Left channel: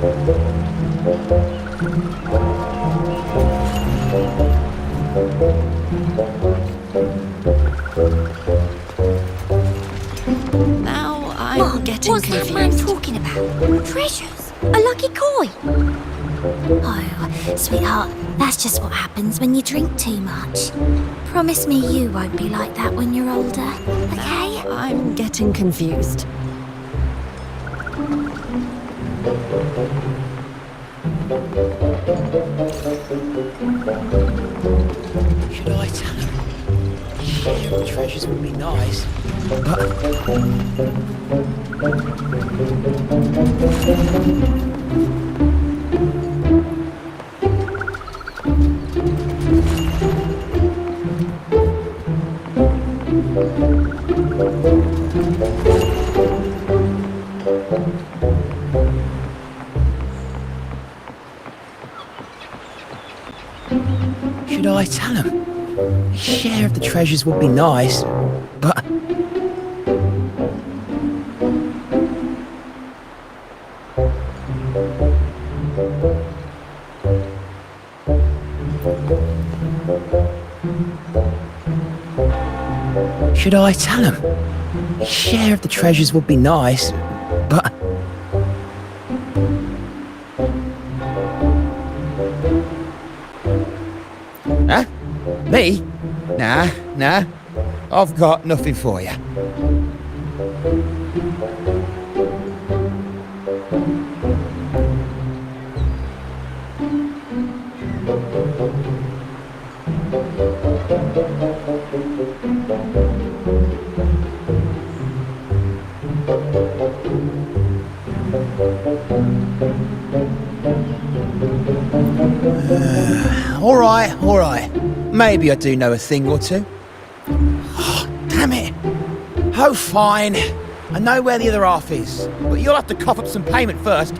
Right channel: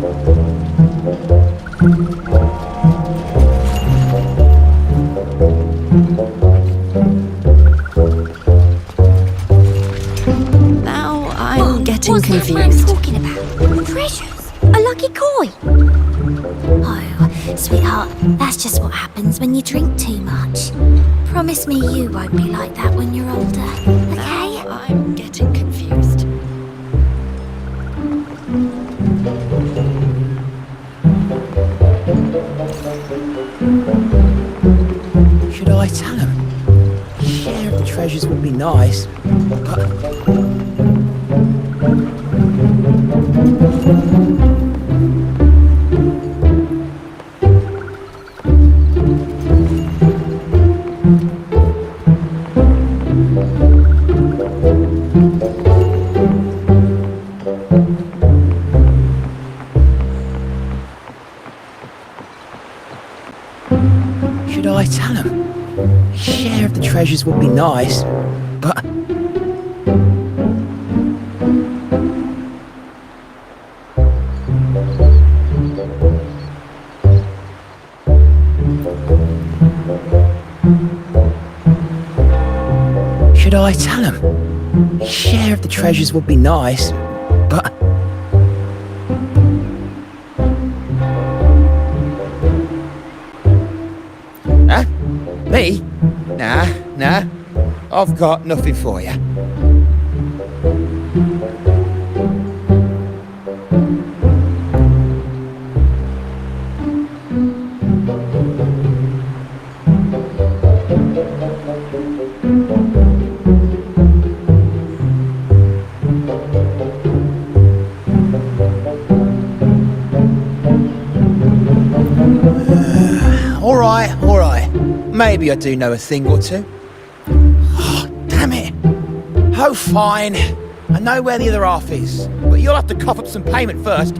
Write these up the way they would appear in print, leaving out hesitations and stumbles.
Now I'm getting What's confused. that man talking about? Treasures? A lucky coin? Oh, sweetheart, that's just what happens when you drink too much. Promise me you won't be like that when you're older, okay? Now I'm getting confused. Should I tell him? Share of the treasures would be nice, but... Should I tell him? Share of the treasures would be nice, but... Should I tell him? Share of the treasures would be nice, but... Huh? Me? Nah. I've got nothing for you. All right. Maybe I do know a thing or two. Oh, damn it. Oh, fine. I know where the other half is, but you'll have to cough up some payment first.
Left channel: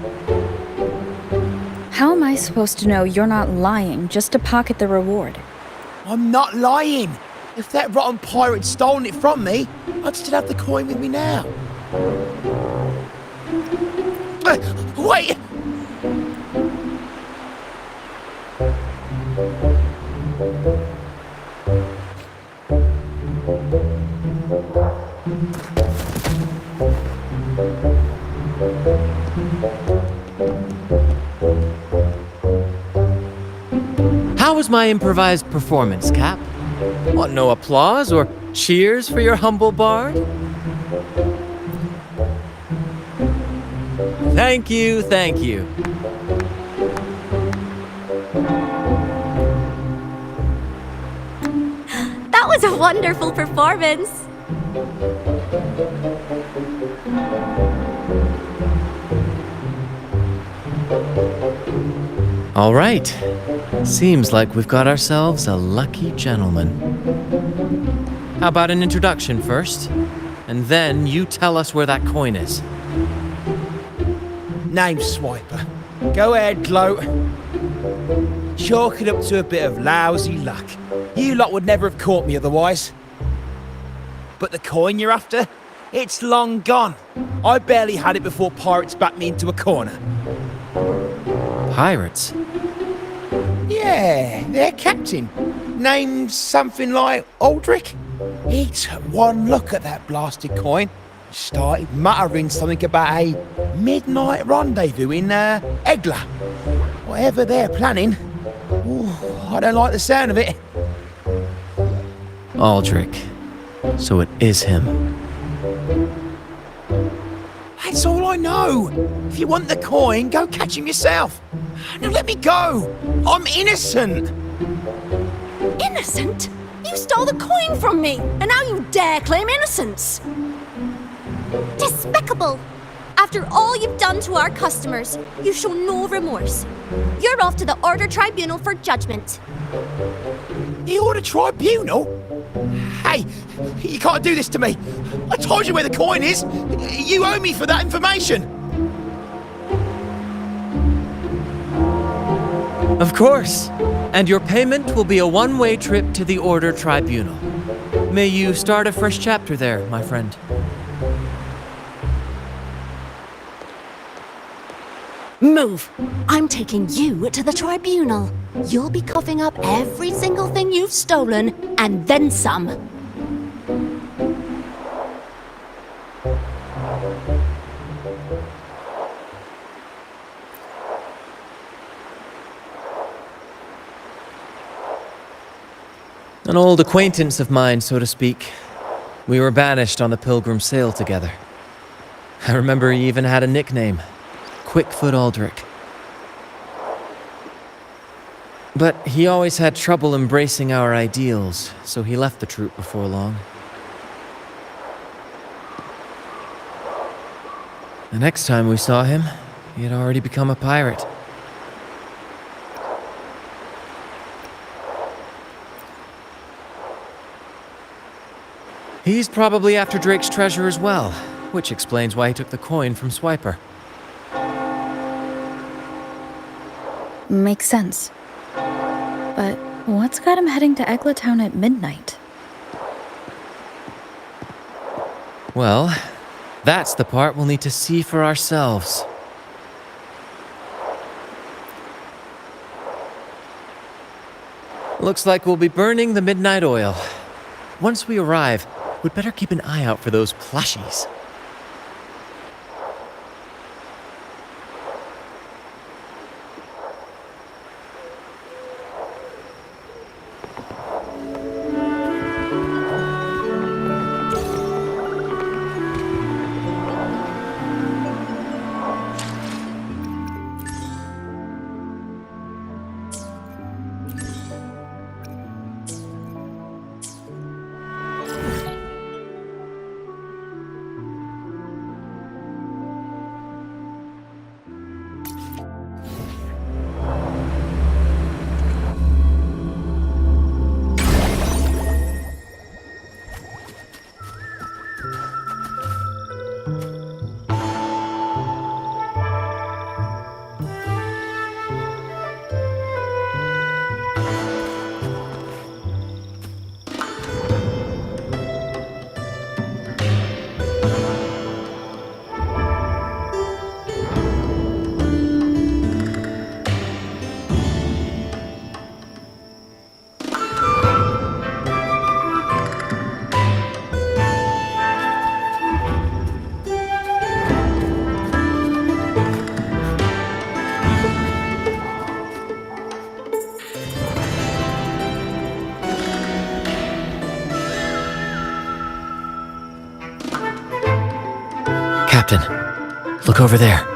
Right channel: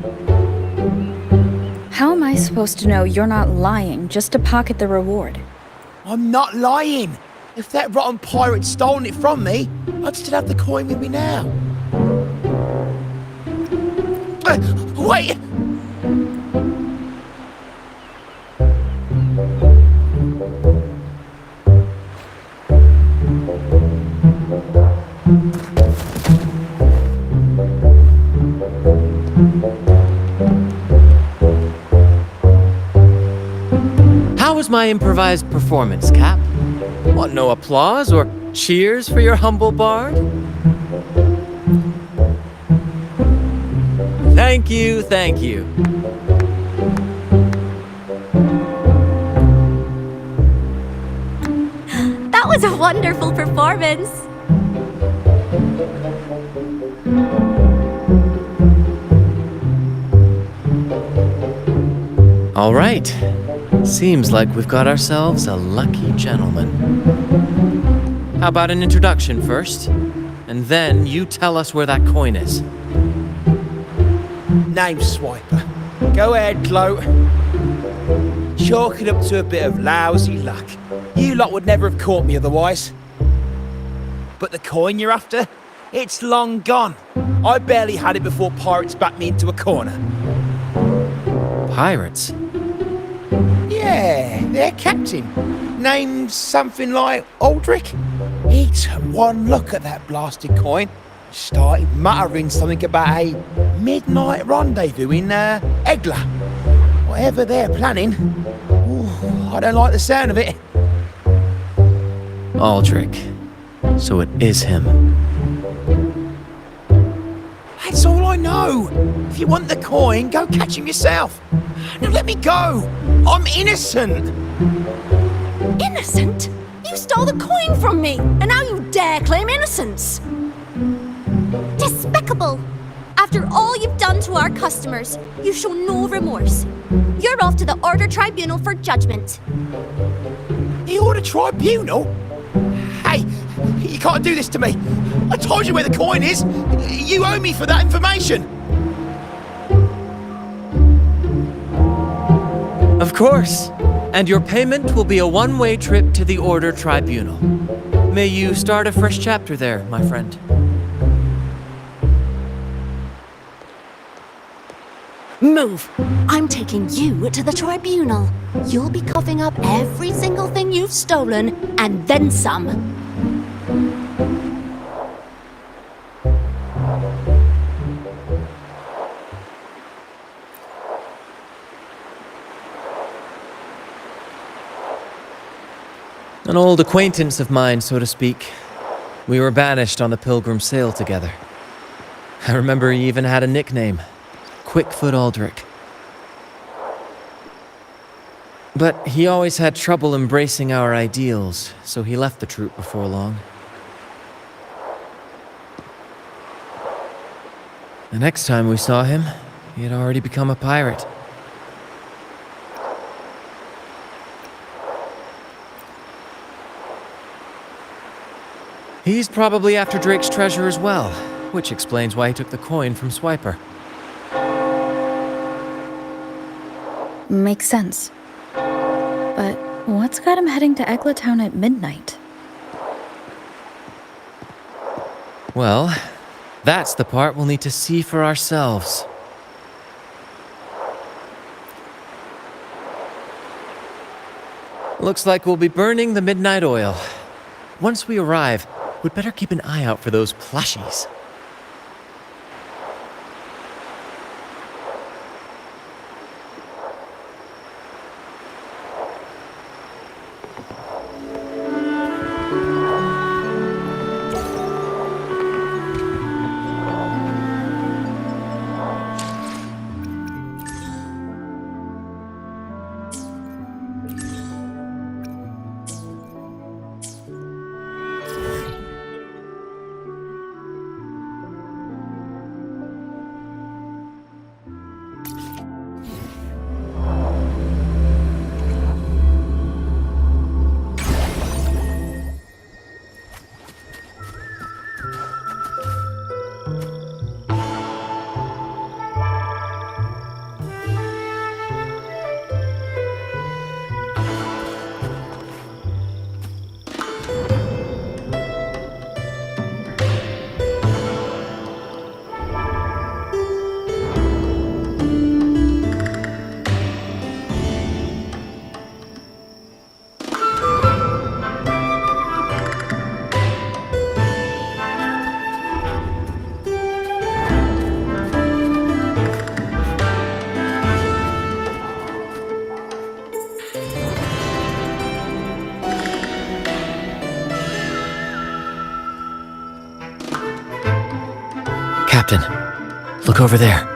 How am I supposed to know you're not lying just to pocket the reward? I'm not lying. If that rotten pirate'd stolen it from me, I'd still have the coin with me now. Wait! How was my improvised performance, Cap? Want no applause or cheers for your humble bard? Thank you. That was a wonderful performance. All right. Seems like we've got ourselves a lucky gentleman. How about an introduction first? And then you tell us where that coin is. Name swiper. Go ahead, gloat. Chalk it up to a bit of lousy luck. You lot would never have caught me otherwise. But the coin you're after? It's long gone. I barely had it before pirates backed me into a corner. Pirates? Yeah, their captain. Named something like Aldrich. He took one look at that blasted coin, started muttering something about a midnight rendezvous in Egla. Whatever they're planning. Ooh, I don't like the sound of it. Aldrich. So it is him. That's all I know. If you want the coin, go catch him yourself. Now let me go. I'm innocent. Innocent? You stole the coin from me, and now you dare claim innocence. Despicable! After all you've done to our customers, you show no remorse. You're off to the Order Tribunal for judgment. The Order Tribunal? Hey, you can't do this to me. I told you where the coin is. You owe me for that information. Of course. And your payment will be a one-way trip to the Order Tribunal. May you start a fresh chapter there, my friend. Move! I'm taking you to the tribunal. You'll be coughing up every single thing you've stolen, and then some. An old acquaintance of mine, so to speak. We were banished on the Pilgrim Sail together. I remember he even had a nickname, Quickfoot Aldrich. But he always had trouble embracing our ideals, so he left the troop before long. The next time we saw him, he had already become a pirate. He's probably after Drake's treasure as well, which explains why he took the coin from Swiper. Makes sense. But what's got him heading to Eglatown at midnight? Well, that's the part we'll need to see for ourselves. Looks like we'll be burning the midnight oil. Once we arrive, we'd better keep an eye out for those plushies. Captain, look over there.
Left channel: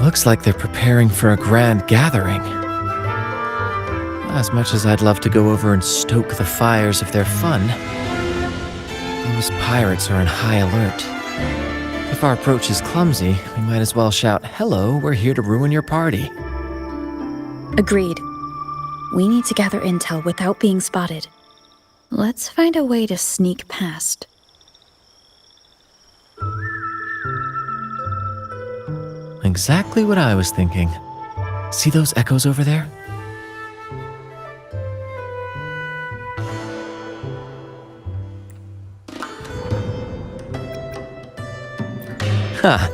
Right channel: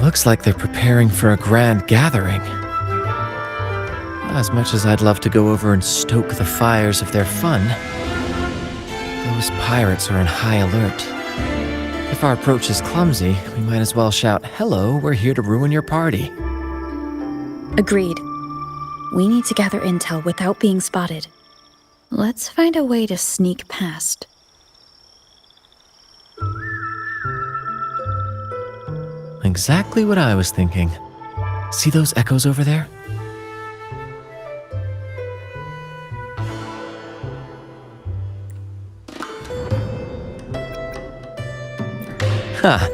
Looks like they're preparing for a grand gathering. As much as I'd love to go over and stoke the fires of their fun, those pirates are on high alert. If our approach is clumsy, we might as well shout, "Hello, we're here to ruin your party." Agreed. We need to gather intel without being spotted. Let's find a way to sneak past. Exactly what I was thinking. See those echoes over there? Ha!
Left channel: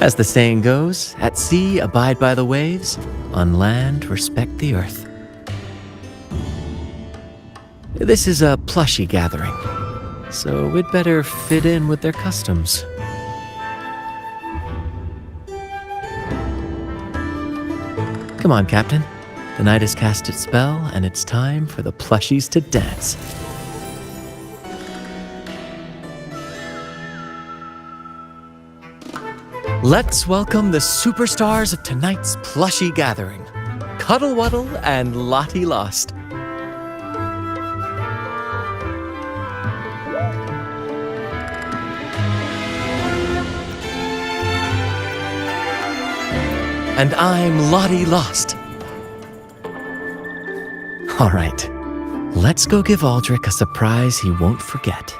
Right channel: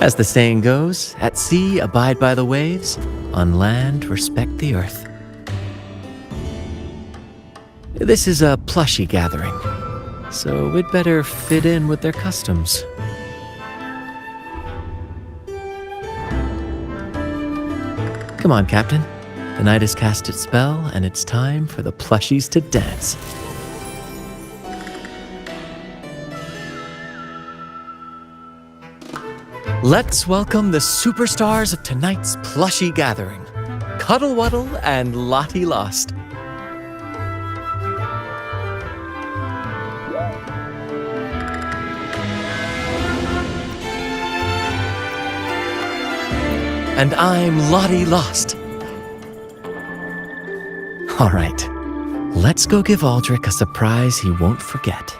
As the saying goes, at sea abide by the waves, on land respect the earth. This is a plushie gathering, so we'd better fit in with their customs. Come on, Captain. The night has cast its spell, and it's time for the plushies to dance. Let's welcome the superstars of tonight's plushie gathering, Cuddle Wuddle and Lottie Lost. And I'm Lottie Lost. All right, let's go give Aldrich a surprise he won't forget.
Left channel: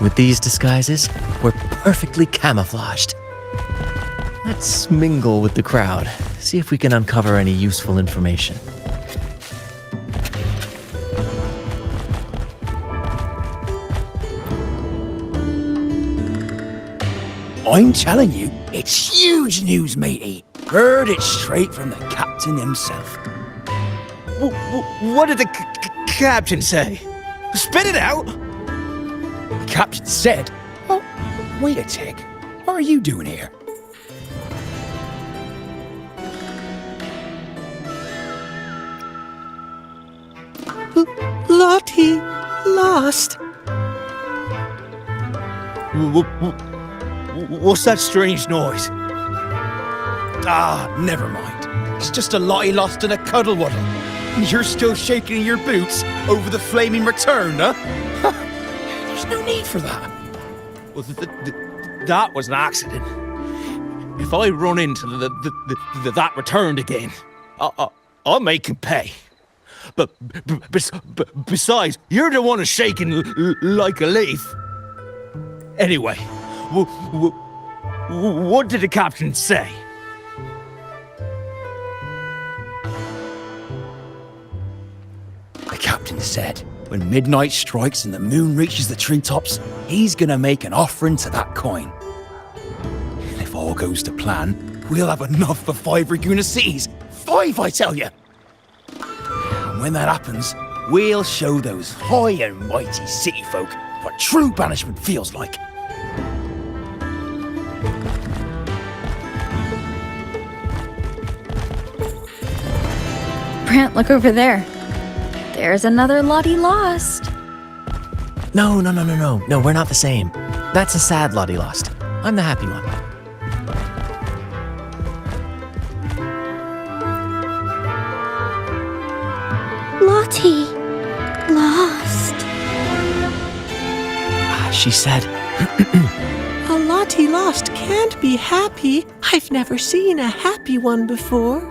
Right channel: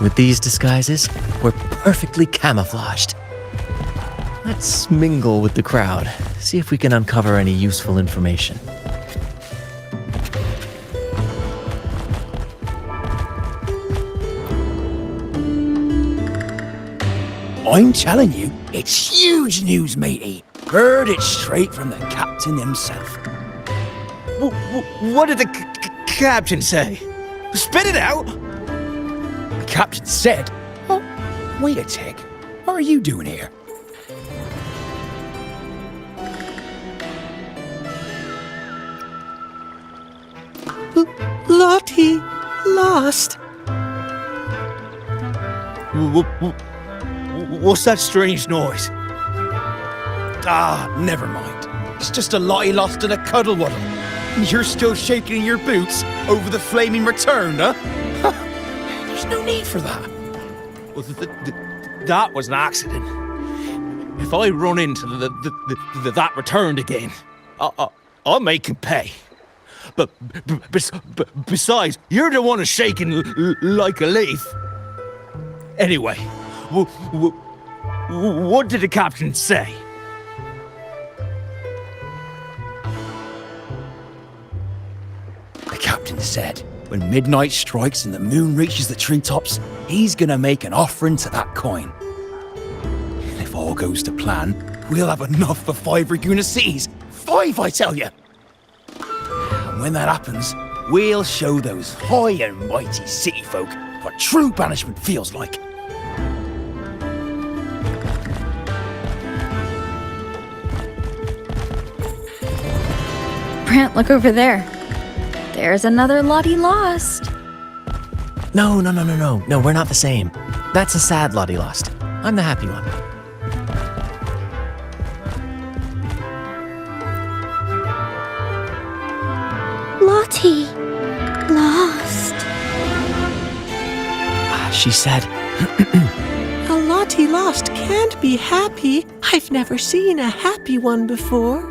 With these disguises, we're perfectly camouflaged. Let's mingle with the crowd, see if we can uncover any useful information. I'm telling you, it's huge news, matey. Heard it straight from the captain himself. What did the captain say? Spit it out! The captain said, "Oh, wait a tick. What are you doing here?" Lottie, lost. What's that strange noise? Ah, never mind. It's just a Lottie lost in a cuddle waddle. You're still shaking in your boots over the flaming return, huh? There's no need for that. Well, that was an accident. If I run into that returned again, I'll make him pay. But besides, you're the one who's shaking like a leaf. Anyway, what did the captain say? The captain said, when midnight strikes and the moon reaches the treetops, he's gonna make an offering to that coin. And if all goes to plan, we'll have enough for 5 Raguna cities. 5, I tell you! And when that happens, we'll show those high and mighty city folk what true banishment feels like. Brant, look over there. There's another Lottie lost. No, we're not the same. That's a sad Lottie lost. I'm the happy one. Lottie, lost. She said, A Lottie lost can't be happy. I've never seen a happy one before.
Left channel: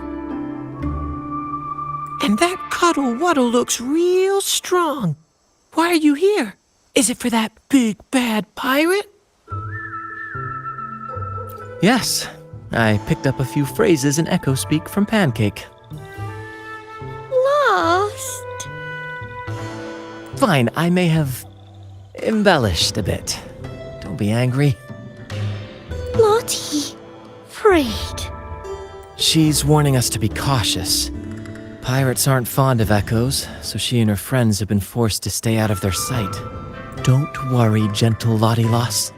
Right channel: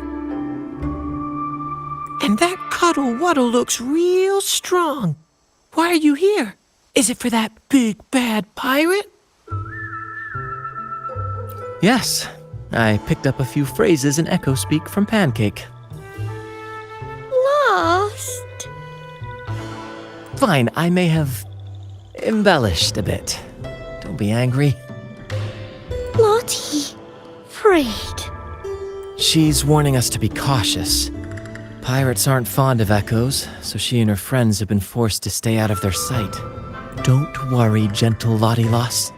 And that cuddle waddle looks real strong. Why are you here? Is it for that big bad pirate? yes. I picked up a few phrases in Echo Speak from Pancake. Lost. Fine, I may have embellished a bit. Don't be angry. Lottie, afraid. She's warning us to be cautious. Pirates aren't fond of echoes, so she and her friends have been forced to stay out of their sight. Don't worry, gentle Lottie Lost.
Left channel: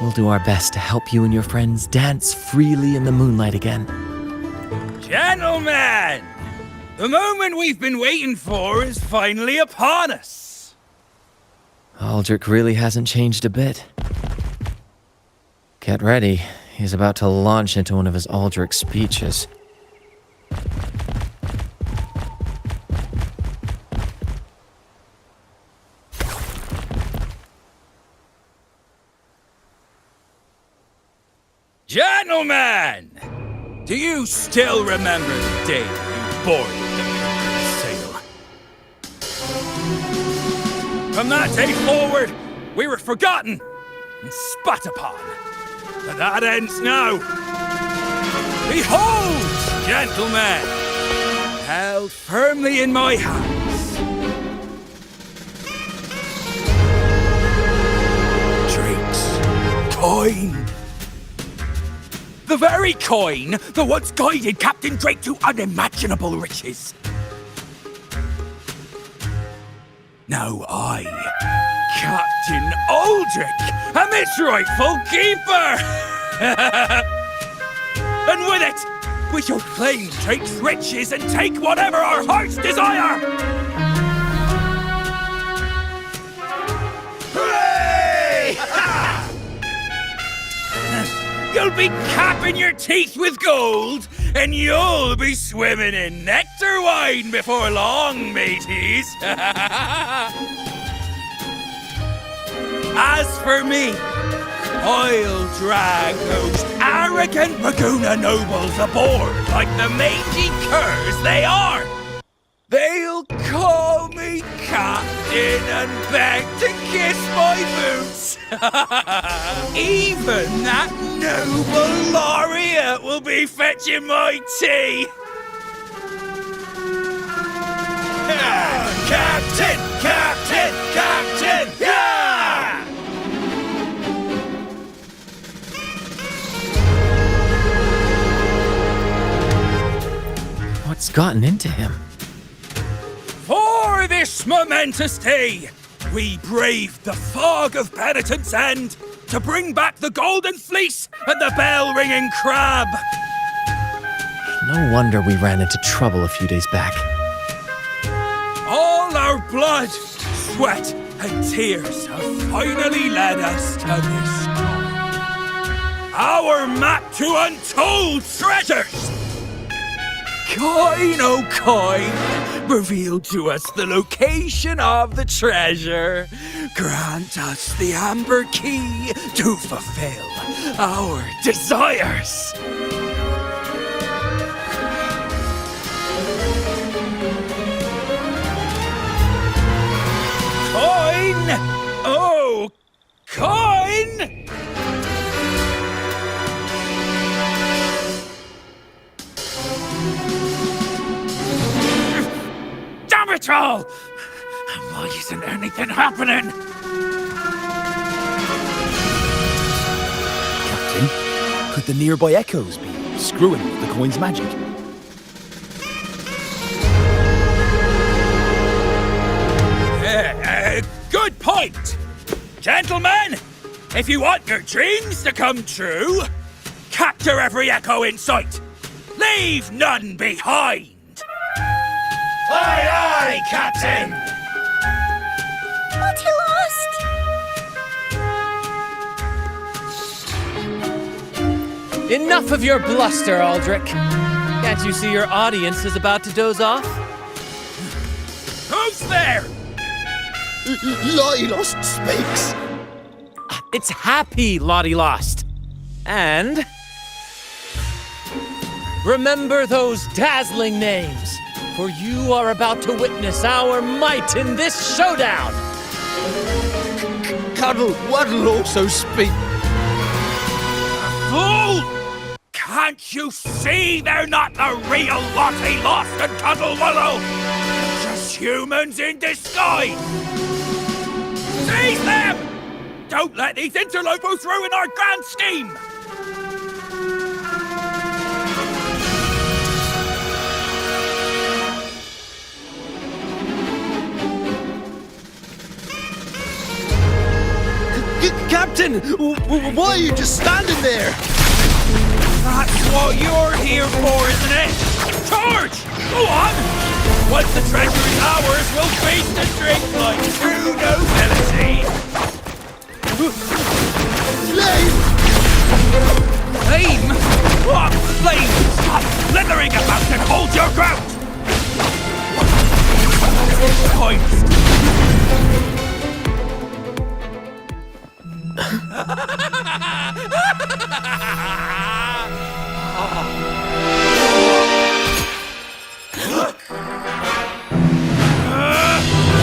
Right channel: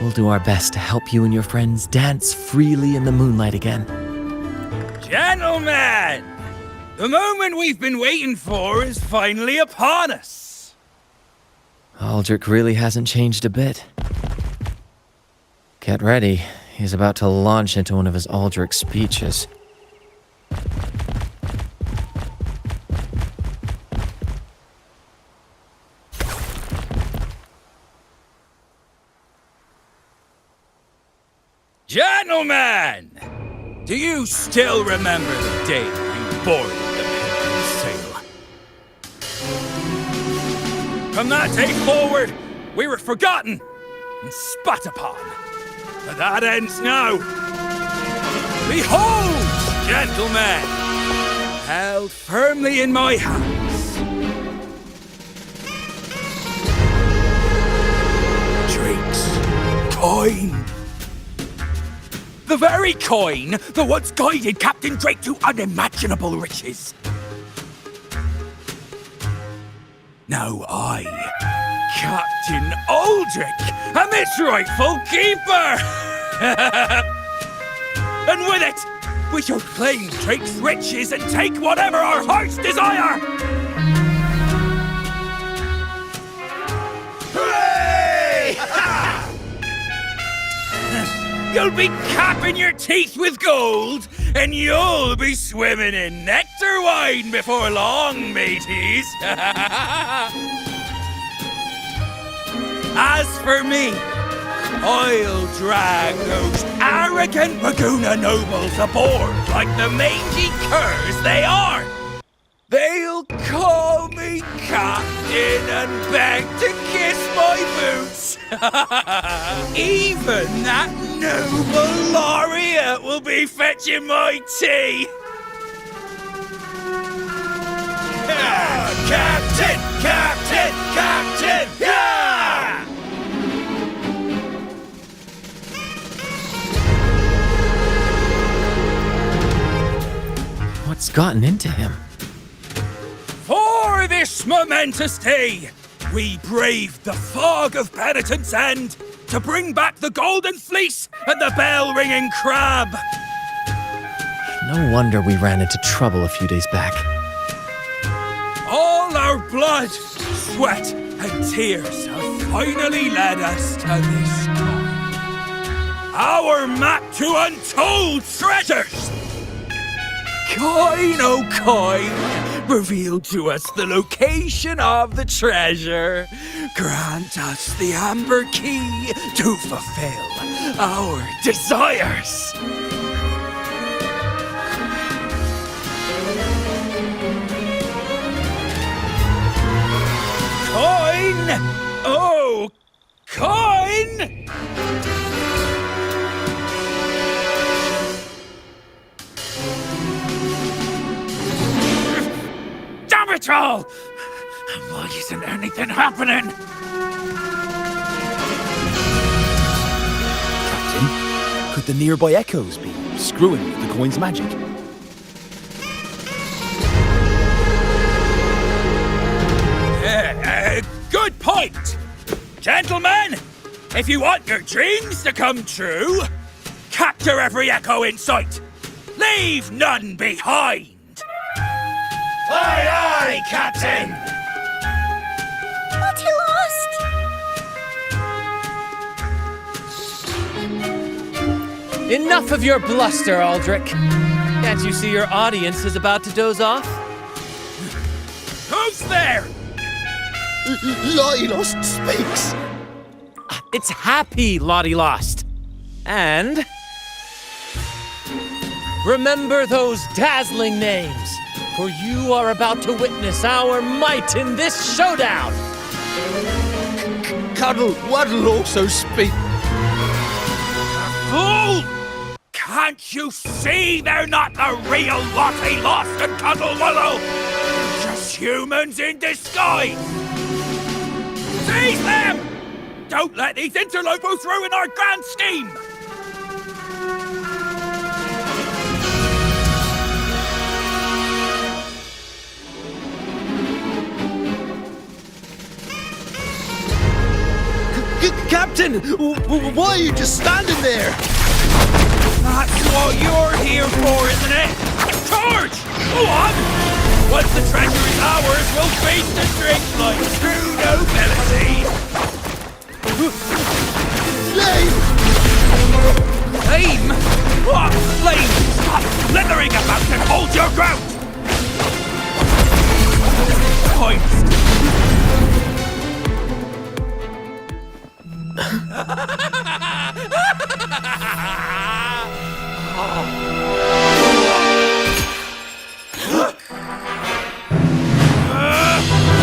We'll do our best to help you and your friends dance freely in the moonlight again. Gentlemen! The moment we've been waiting for is finally upon us. Aldrich really hasn't changed a bit. Get ready. He's about to launch into one of his Aldrich speeches. Gentlemen! Do you still remember the day you boarded the Pilgrim's Sail? From that day forward, we were forgotten and spat upon. But that ends now. Behold, gentlemen, held firmly in my hands, Drake's coin. The very coin that once guided Captain Drake to unimaginable riches. Now I, Captain Aldrich, am its rightful keeper! And with it, we shall claim Drake's riches and take whatever our hearts desire! Hooray! You'll be capping your teeth with gold, and you'll be swimming in nectar wine before long, mateys. As for me, I'll drag those arrogant Raguna nobles aboard like the mangy curs they are. They'll call me captain and beg to kiss my boots. Even that noble laureate will be fetching my tea. Captain! Captain! Captain! Yeah! What's gotten into him? For this momentous day, we braved the fog of penitence and to bring back the golden fleece and the bell-ringing crab. No wonder we ran into trouble a few days back. All our blood, sweat, and tears have finally led us to this coin. Our map to untold treasures! Coin, oh coin, reveal to us the location of the treasure. Grant us the amber key to fulfill our desires. Coin! Oh, coin! Damn it all! Why isn't anything happening? Captain, could the nearby echoes be screwing with the coin's magic? Good point! Gentlemen, if you want your dreams to come true, capture every echo in sight. Leave none behind! Aye, aye, Captain! What he lost? Enough of your bluster, Aldrich. Can't you see your audience is about to doze off? Who's there? Lottie Lost speaks! It's Happy Lottie Lost. And remember those dazzling names, for you are about to witness our might in this showdown. Cuddle Waddle also speak. Fool! Can't you see they're not the real Lottie Lost and Cuddle Wallow? They're just humans in disguise! Seize them! Don't let these interlopers ruin our grand scheme! Captain, why are you just standing there? That's what you're here for, isn't it? Charge! Go on! Once the treasure is ours, we'll feast and drink like true nobility! Flame! Flame? What flame? Stop slithering about and hold your ground! Points!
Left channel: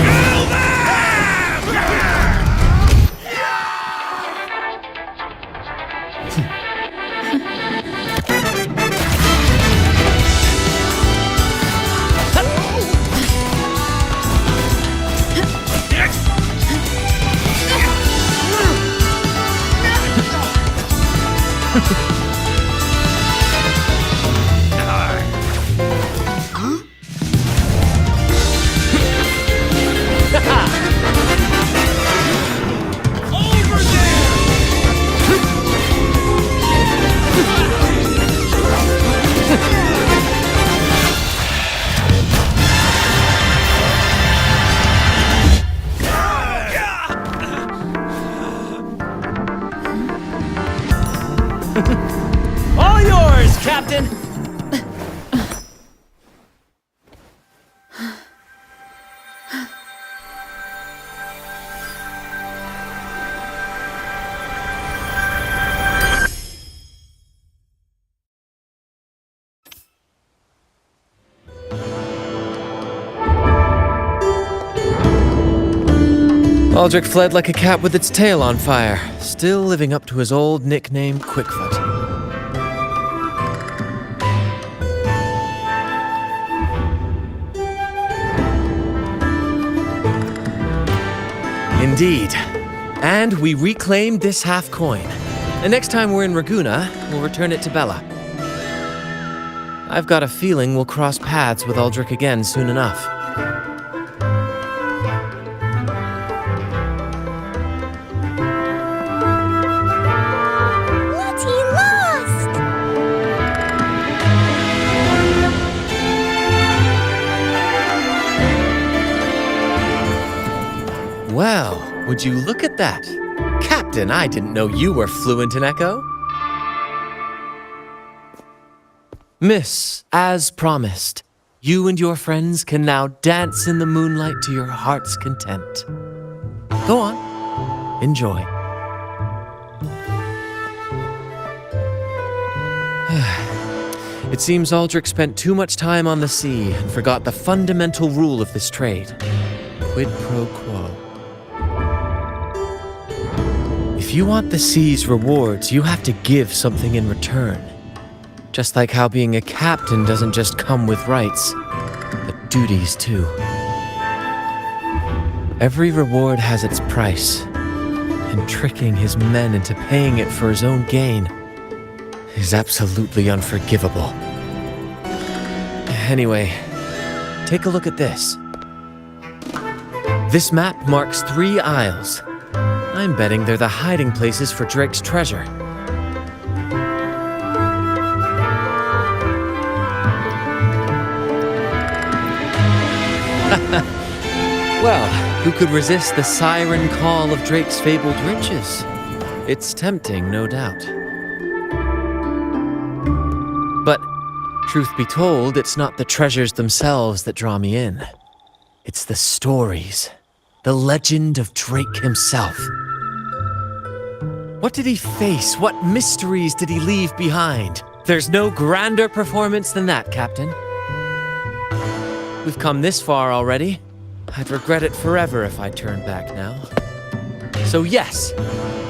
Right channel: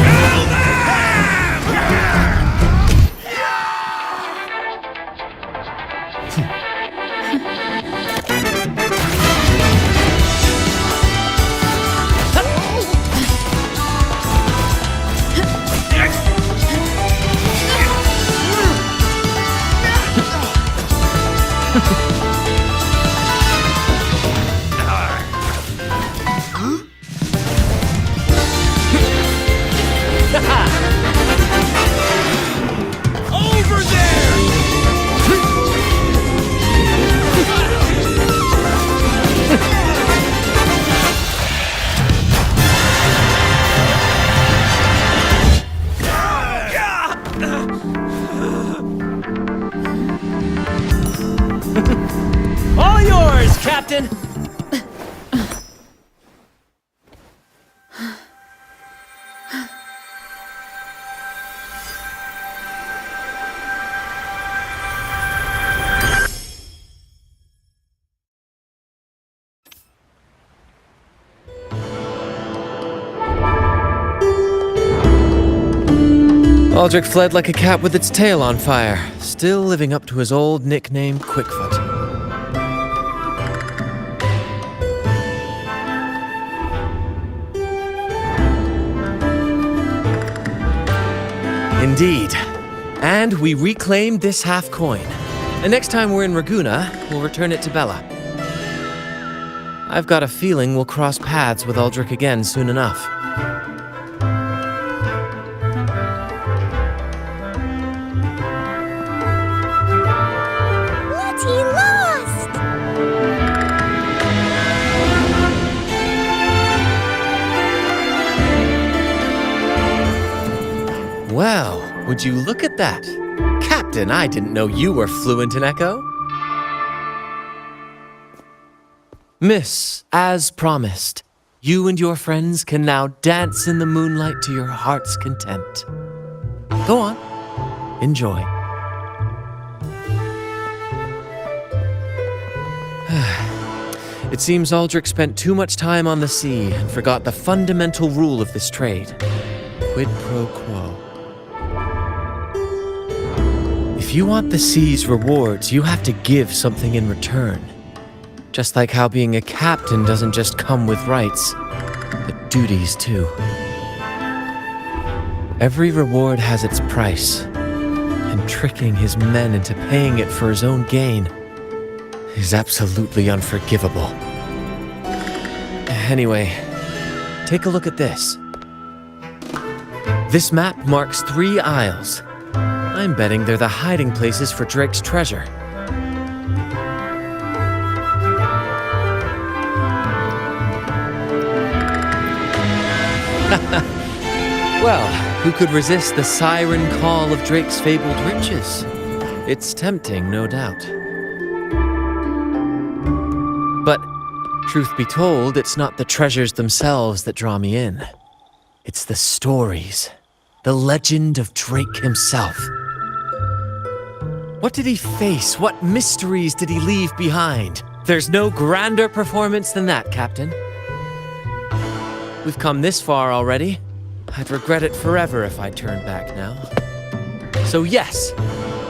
Kill them! Over there! All yours, Captain! Aldrich fled like a cat with its tail on fire, still living up to his old nickname, Quickfoot. Indeed. And we reclaimed this half coin. And next time we're in Raguna, we'll return it to Bella. I've got a feeling we'll cross paths with Aldrich again soon enough. Lottie lost! Well, would you look at that? Captain, I didn't know you were fluent in Echo. Miss, as promised, you and your friends can now dance in the moonlight to your heart's content. Go on, enjoy. It seems Aldrich spent too much time on the sea and forgot the fundamental rule of this trade. Quid pro quo. If you want the sea's rewards, you have to give something in return. Just like how being a captain doesn't just come with rights, but duties too. Every reward has its price, and tricking his men into paying it for his own gain is absolutely unforgivable. Anyway, take a look at this. This map marks 3 isles. I'm betting they're the hiding places for Drake's treasure. Well, who could resist the siren call of Drake's fabled riches? It's tempting, no doubt. But, truth be told, it's not the treasures themselves that draw me in. It's the stories, the legend of Drake himself. What did he face? What mysteries did he leave behind? There's no grander performance than that, Captain. We've come this far already. I'd regret it forever if I turned back now. So yes,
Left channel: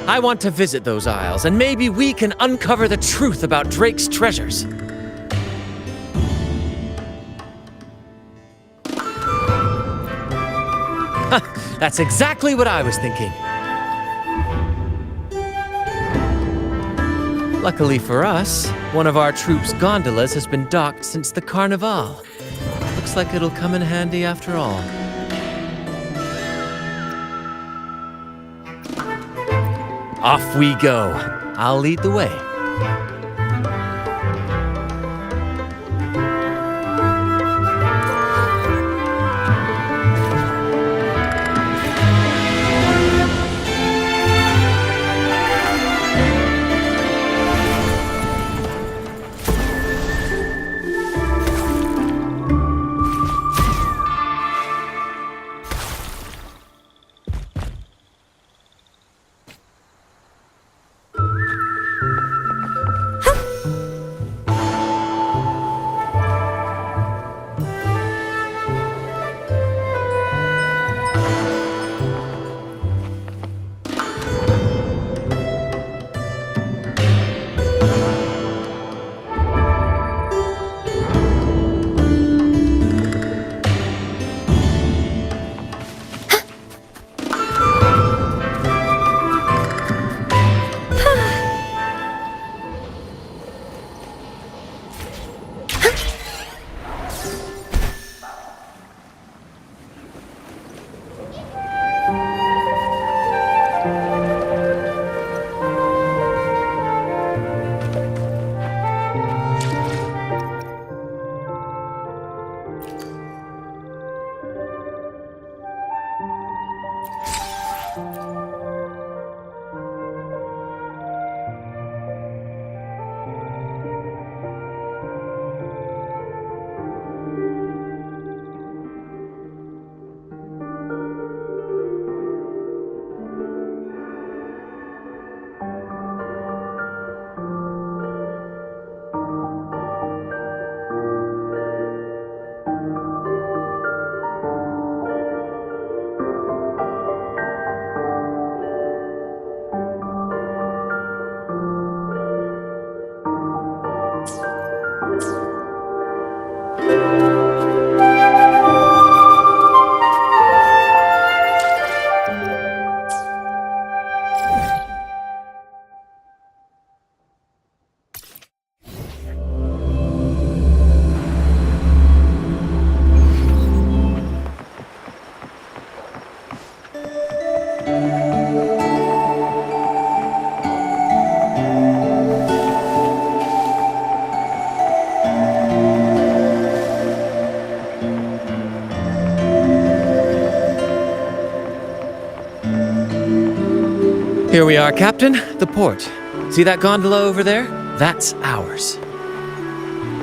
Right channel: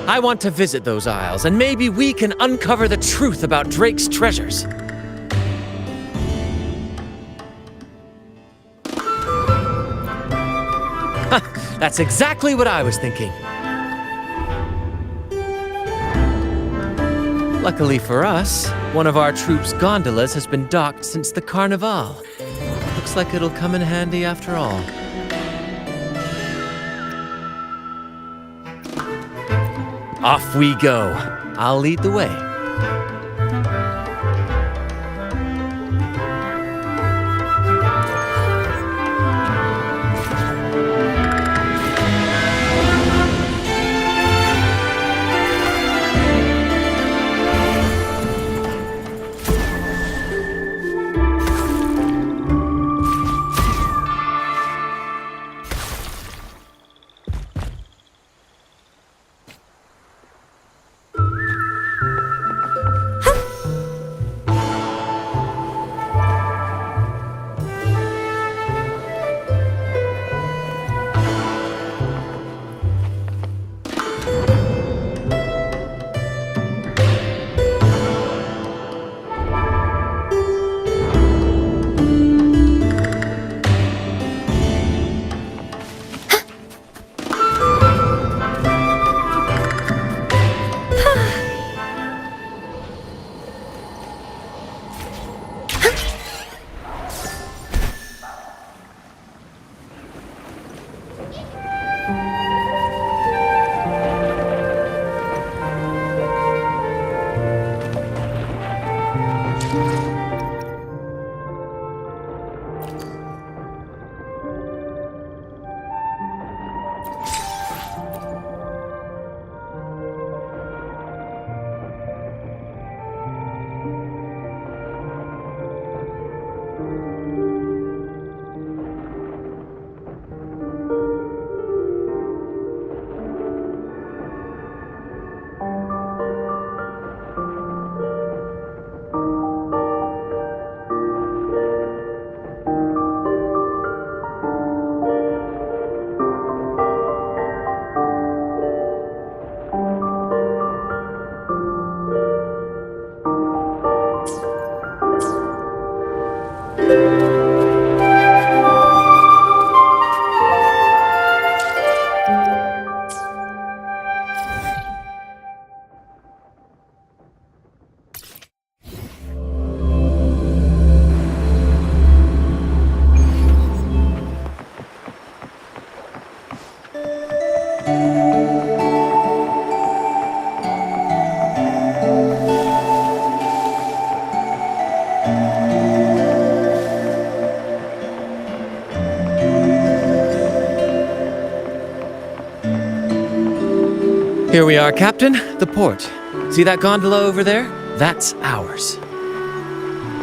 I want to visit those isles, and maybe we can uncover the truth about Drake's treasures. That's exactly what I was thinking. Luckily for us, one of our troops' gondolas has been docked since the Carnival. Looks like it'll come in handy after all. Off we go. I'll lead the way. Here we are, Captain. The port. See that gondola over there? That's ours.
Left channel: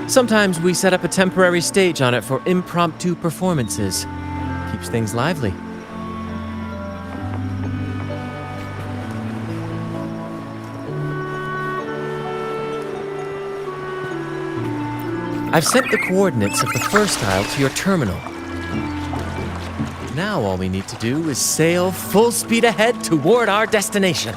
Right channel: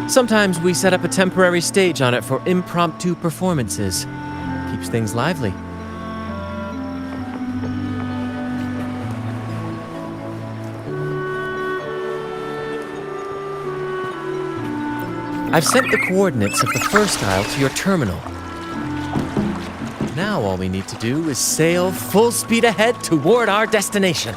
Sometimes we set up a temporary stage on it for impromptu performances. Keeps things lively. I've sent the coordinates of the first isle to your terminal. Now all we need to do is sail full speed ahead toward our destination.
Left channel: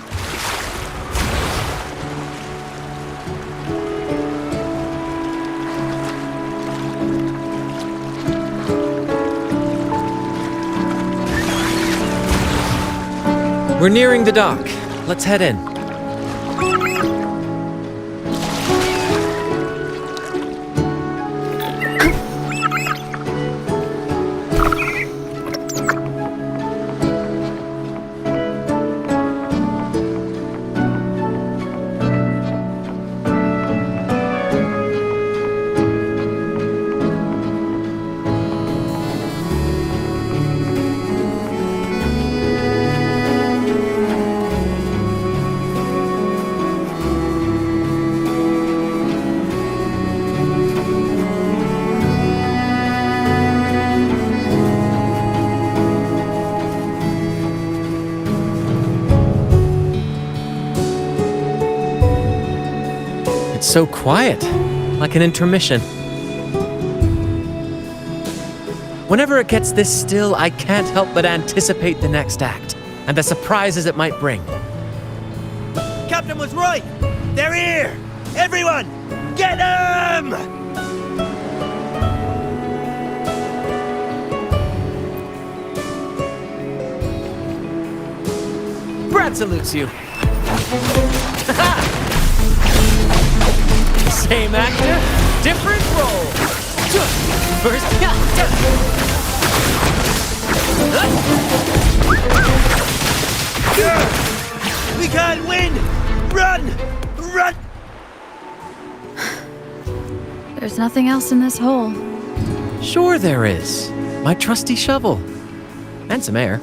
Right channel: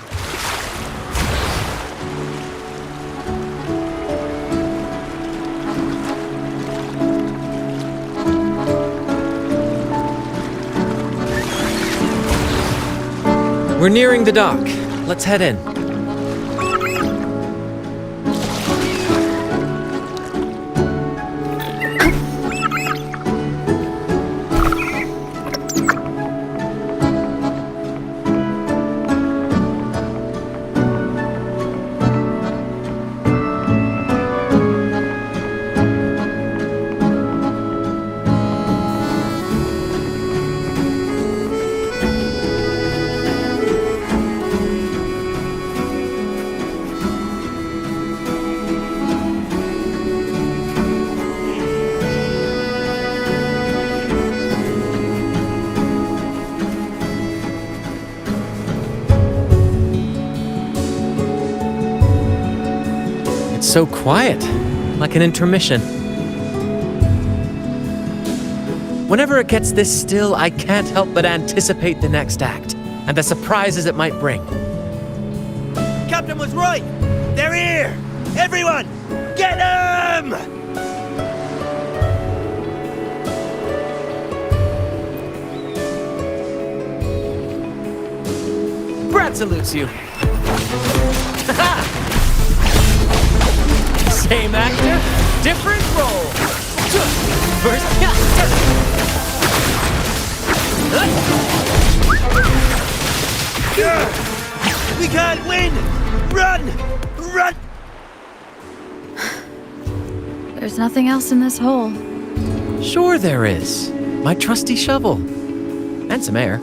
We're nearing the dock. Let's head in. It's so quiet, like an intermission. Whenever it gets this still, I can't help but anticipate the next act, and the surprises it might bring. Captain was right! They're here! Everyone, get them! Brad salutes you. Same actor, different role. First, we can't win! Run! Run! There's nothing else in this hole. sure there is. My trusty shovel. And some air.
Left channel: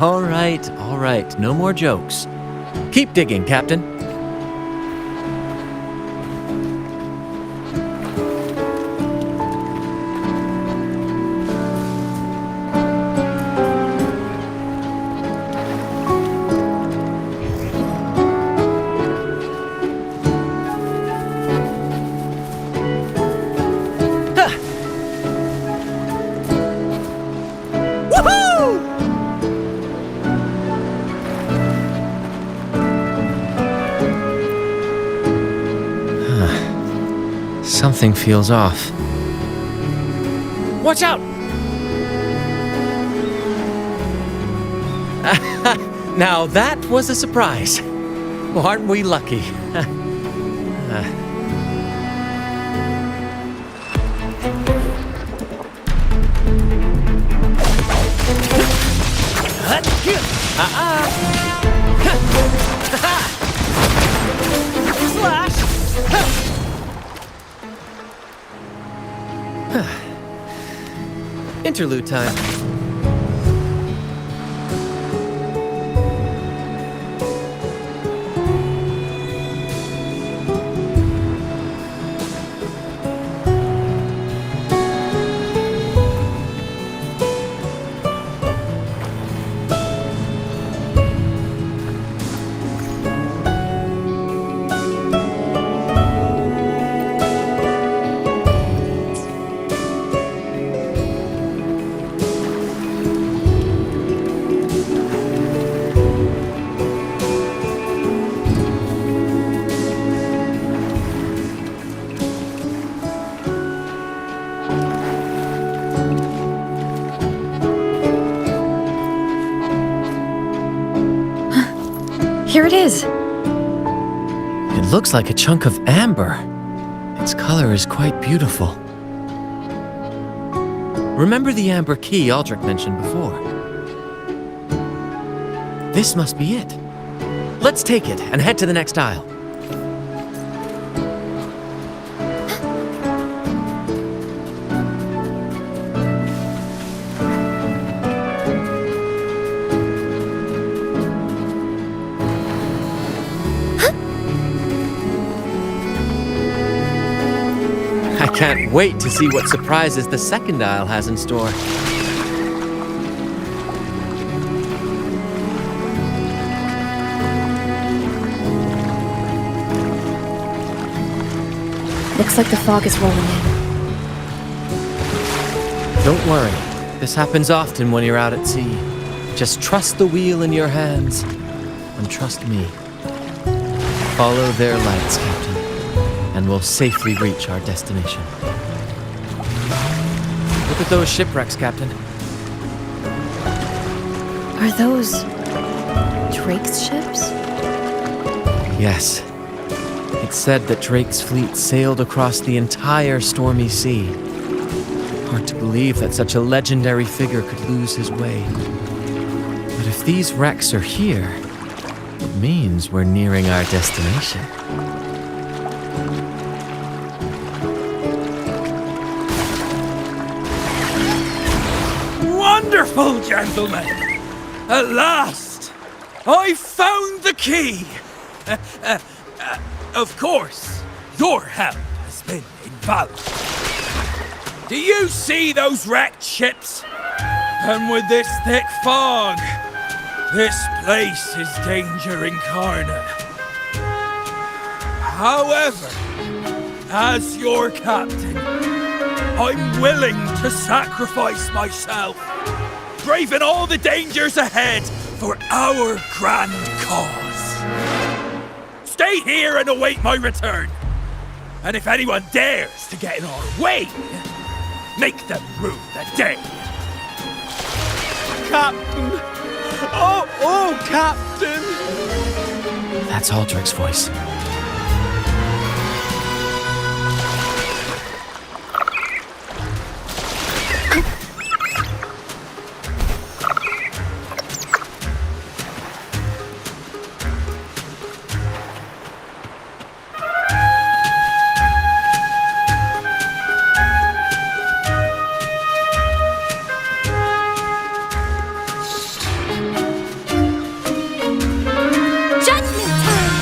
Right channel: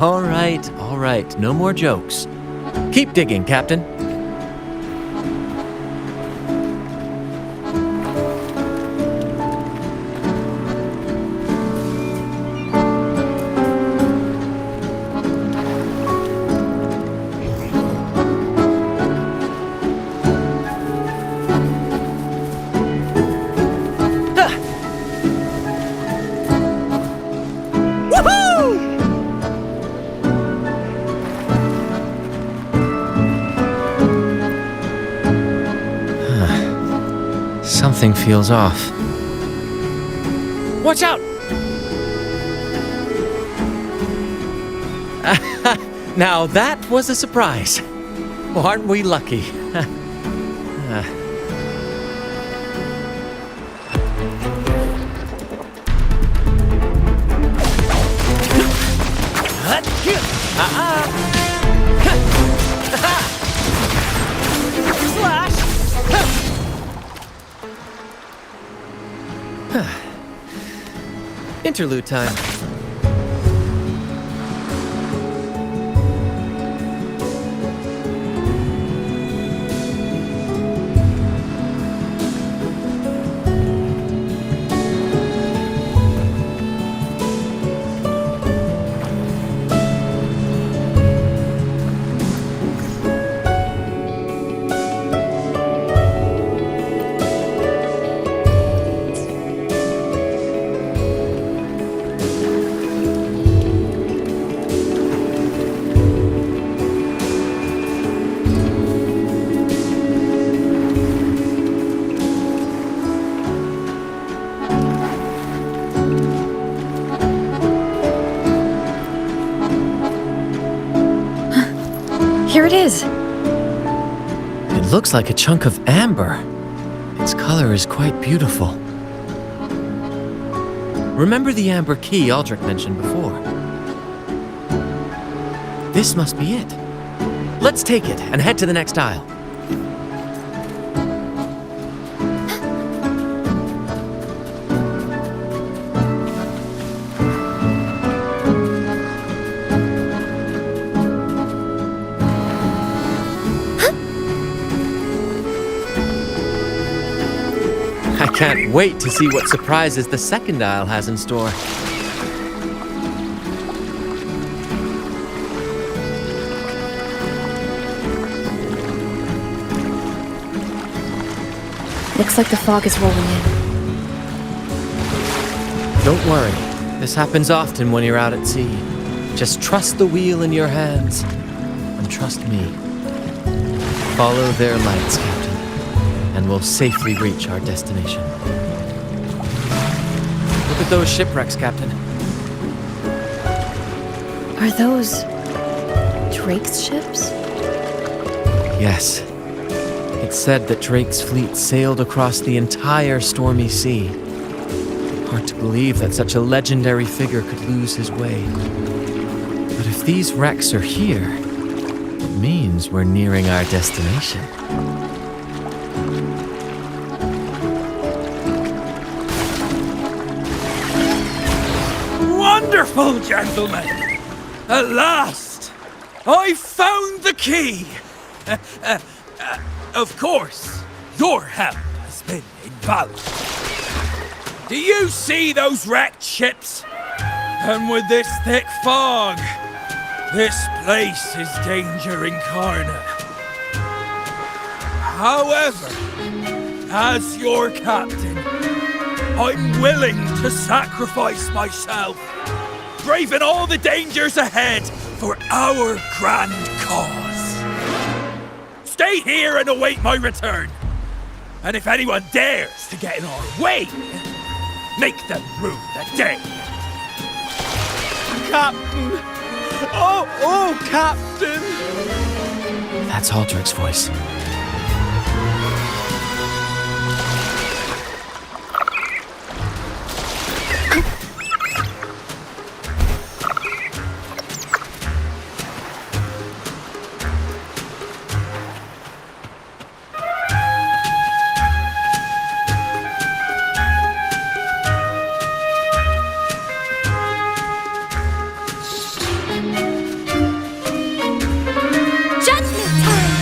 All right. No more jokes. Keep digging, Captain. Something feels off. Watch out! Now that was a surprise. Well, aren't we lucky? Slash! Interlude time. Here it is. It looks like a chunk of amber. Its color is quite beautiful. Remember the amber key Aldrich mentioned before? This must be it. Let's take it and head to the next aisle. can't wait to see what surprises the second isle has in store. Looks like the fog is rolling in. Don't worry. This happens often when you're out at sea. Just trust the wheel in your hands, and trust me. Follow their lights, Captain, and we'll safely reach our destination. Look at those shipwrecks, Captain. Are those Drake's ships? Yes. It's said that Drake's fleet sailed across the entire stormy sea. Hard to believe that such a legendary figure could lose his way. But if these wrecks are here, it means we're nearing our destination. Wonderful, gentlemen! At last, I found the key! Of course, your help has been invaluable. Do you see those wrecked ships? And with this thick fog, this place is danger incarnate. However, as your captain, I'm willing to sacrifice myself, braving all the dangers ahead for our grand cause. Stay here and await my return. And if anyone dares to get in our way, make them rue the day. Captain! Oh, Captain! That's Aldrich's voice. Judgment time!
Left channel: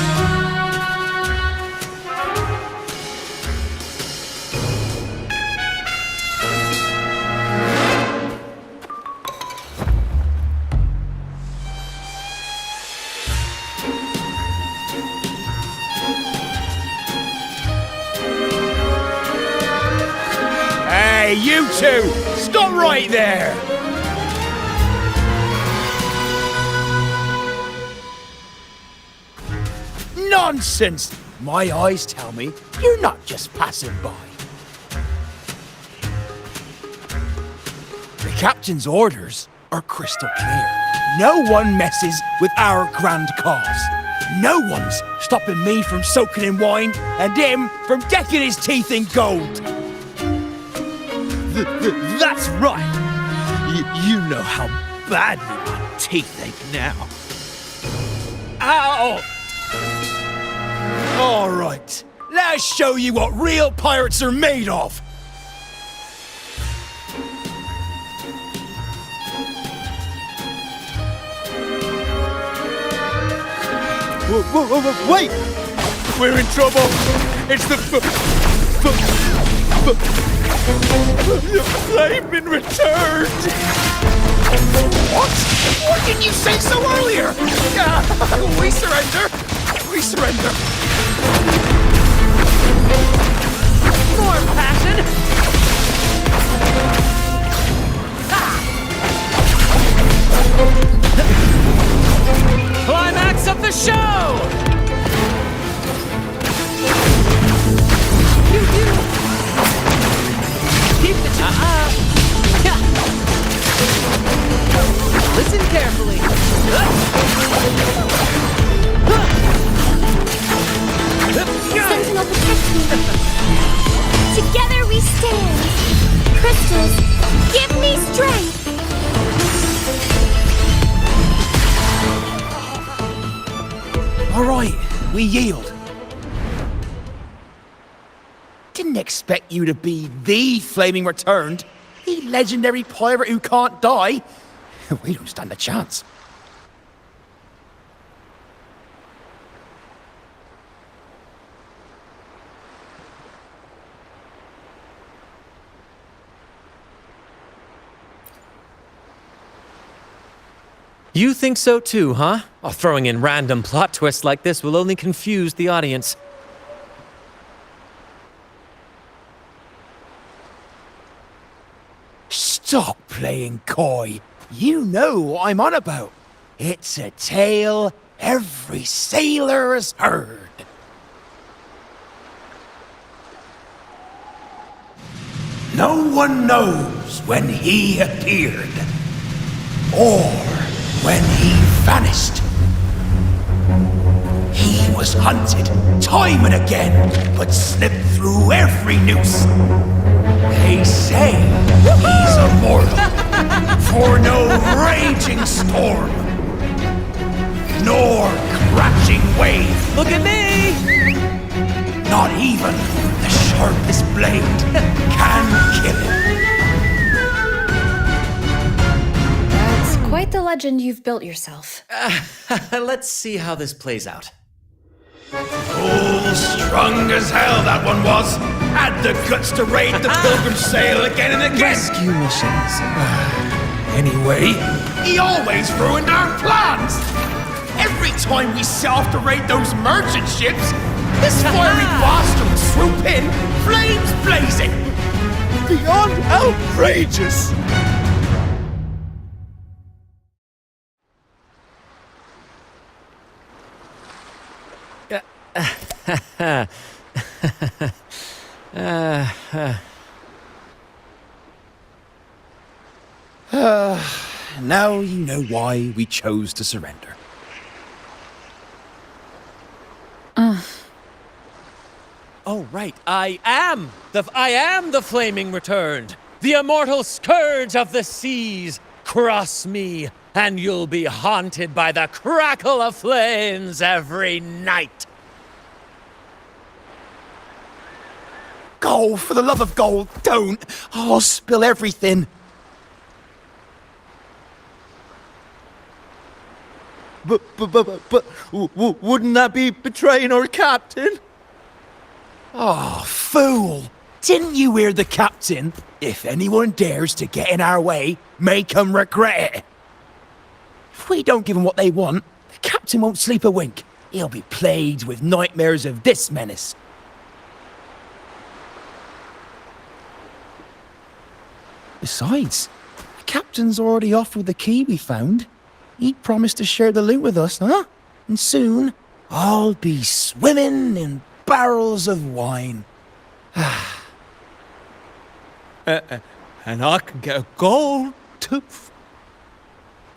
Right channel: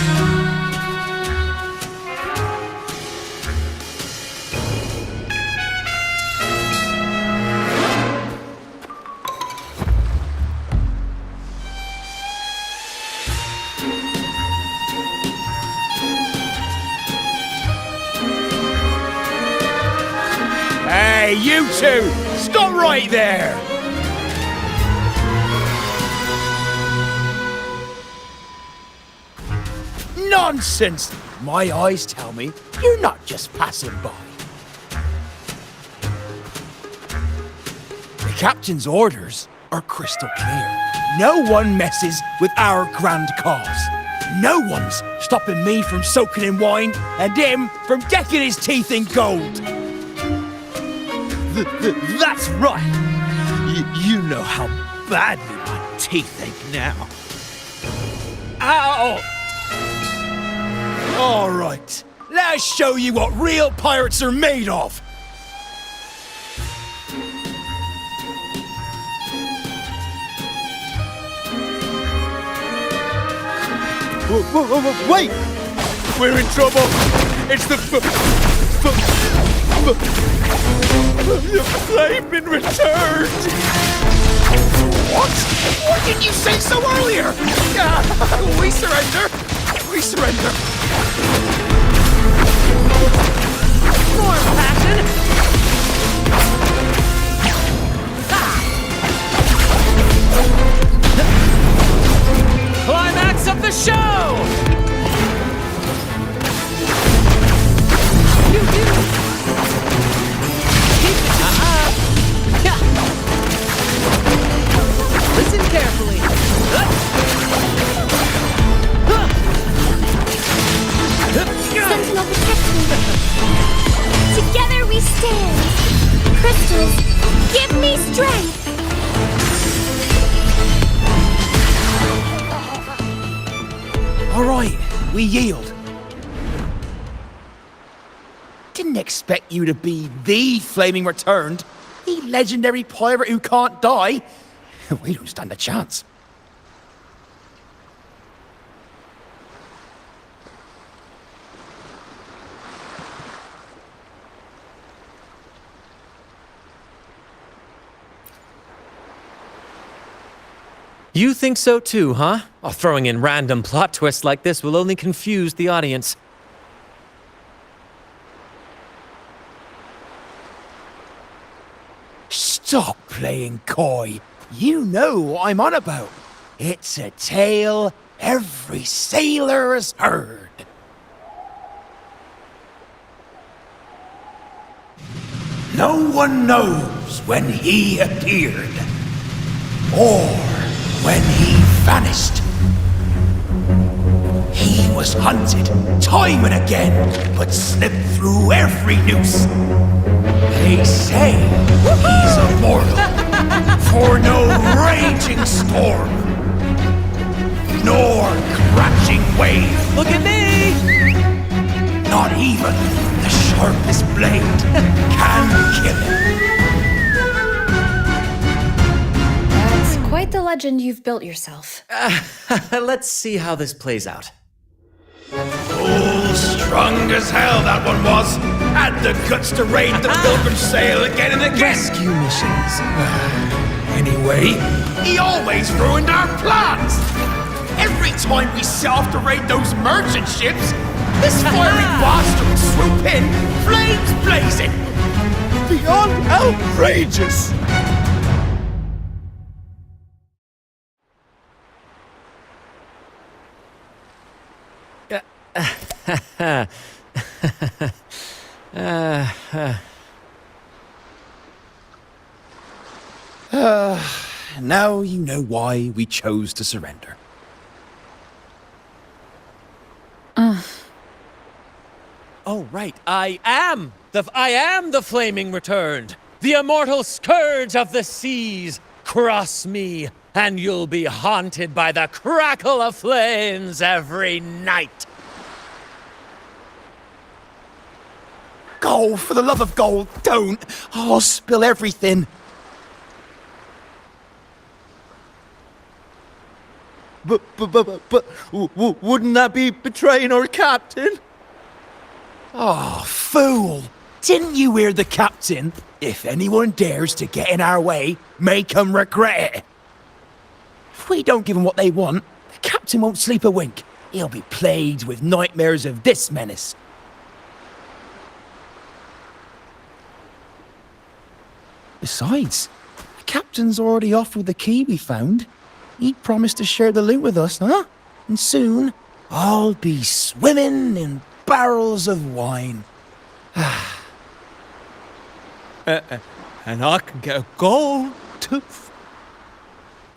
Hey, you two! Stop right there! Nonsense! My eyes tell me you're not just passing by. The captain's orders are crystal clear. No one messes with our grand cause. No one's stopping me from soaking in wine and him from decking his teeth in gold. That's right! You know how badly my teeth ache now. Ow! All right, let's show you what real pirates are made of. Whoa, wait! We're in trouble! It's the flame been returned! What? Why didn't you say so earlier? We surrender. We surrender. More passion! Climax of the show! Keep the up! Listen carefully. Sentinel, protect me! Together we stand! Crystals, give me strength! All right, we yield. Didn't expect you to be the Flaming Returned, the legendary pirate who can't die. We don't stand a chance. You think so too, huh? Oh, throwing in random plot twists like this will only confuse the audience. Stop playing coy. You know what I'm on about. It's a tale every sailor has heard. No one knows when he appeared, or when he vanished. He was hunted time and again, but slipped through every noose. They say he's immortal, for no raging storm, nor crashing wave. Look at me! Not even the sharpest blade can kill him. That's quite the legend you've built yourself. Let's see how this plays out. Oh, strong as hell that one was. Had the guts to raid the Pilgrim Sail again and again. Rescue missions. Anyway, he always ruined our plans. Every time we set off to raid those merchant ships, this fiery bastard would swoop in, flames blazing. Beyond outrageous. Now you know why we chose to surrender. Oh, right. I am the flaming returned. The immortal scourge of the seas. Cross me, and you'll be haunted by the crackle of flames every night. Gold, for the love of gold, don't. I'll spill everything. But wouldn't that be betraying our captain? Oh, fool! Didn't you hear the captain? If anyone dares to get in our way, make 'em regret it. If we don't give 'em what they want, the captain won't sleep a wink. He'll be plagued with nightmares of this menace. Besides, the captain's already offered the key we found. He promised to share the loot with us, huh? And soon, I'll be swimming in barrels of wine. And I can get a gold tooth.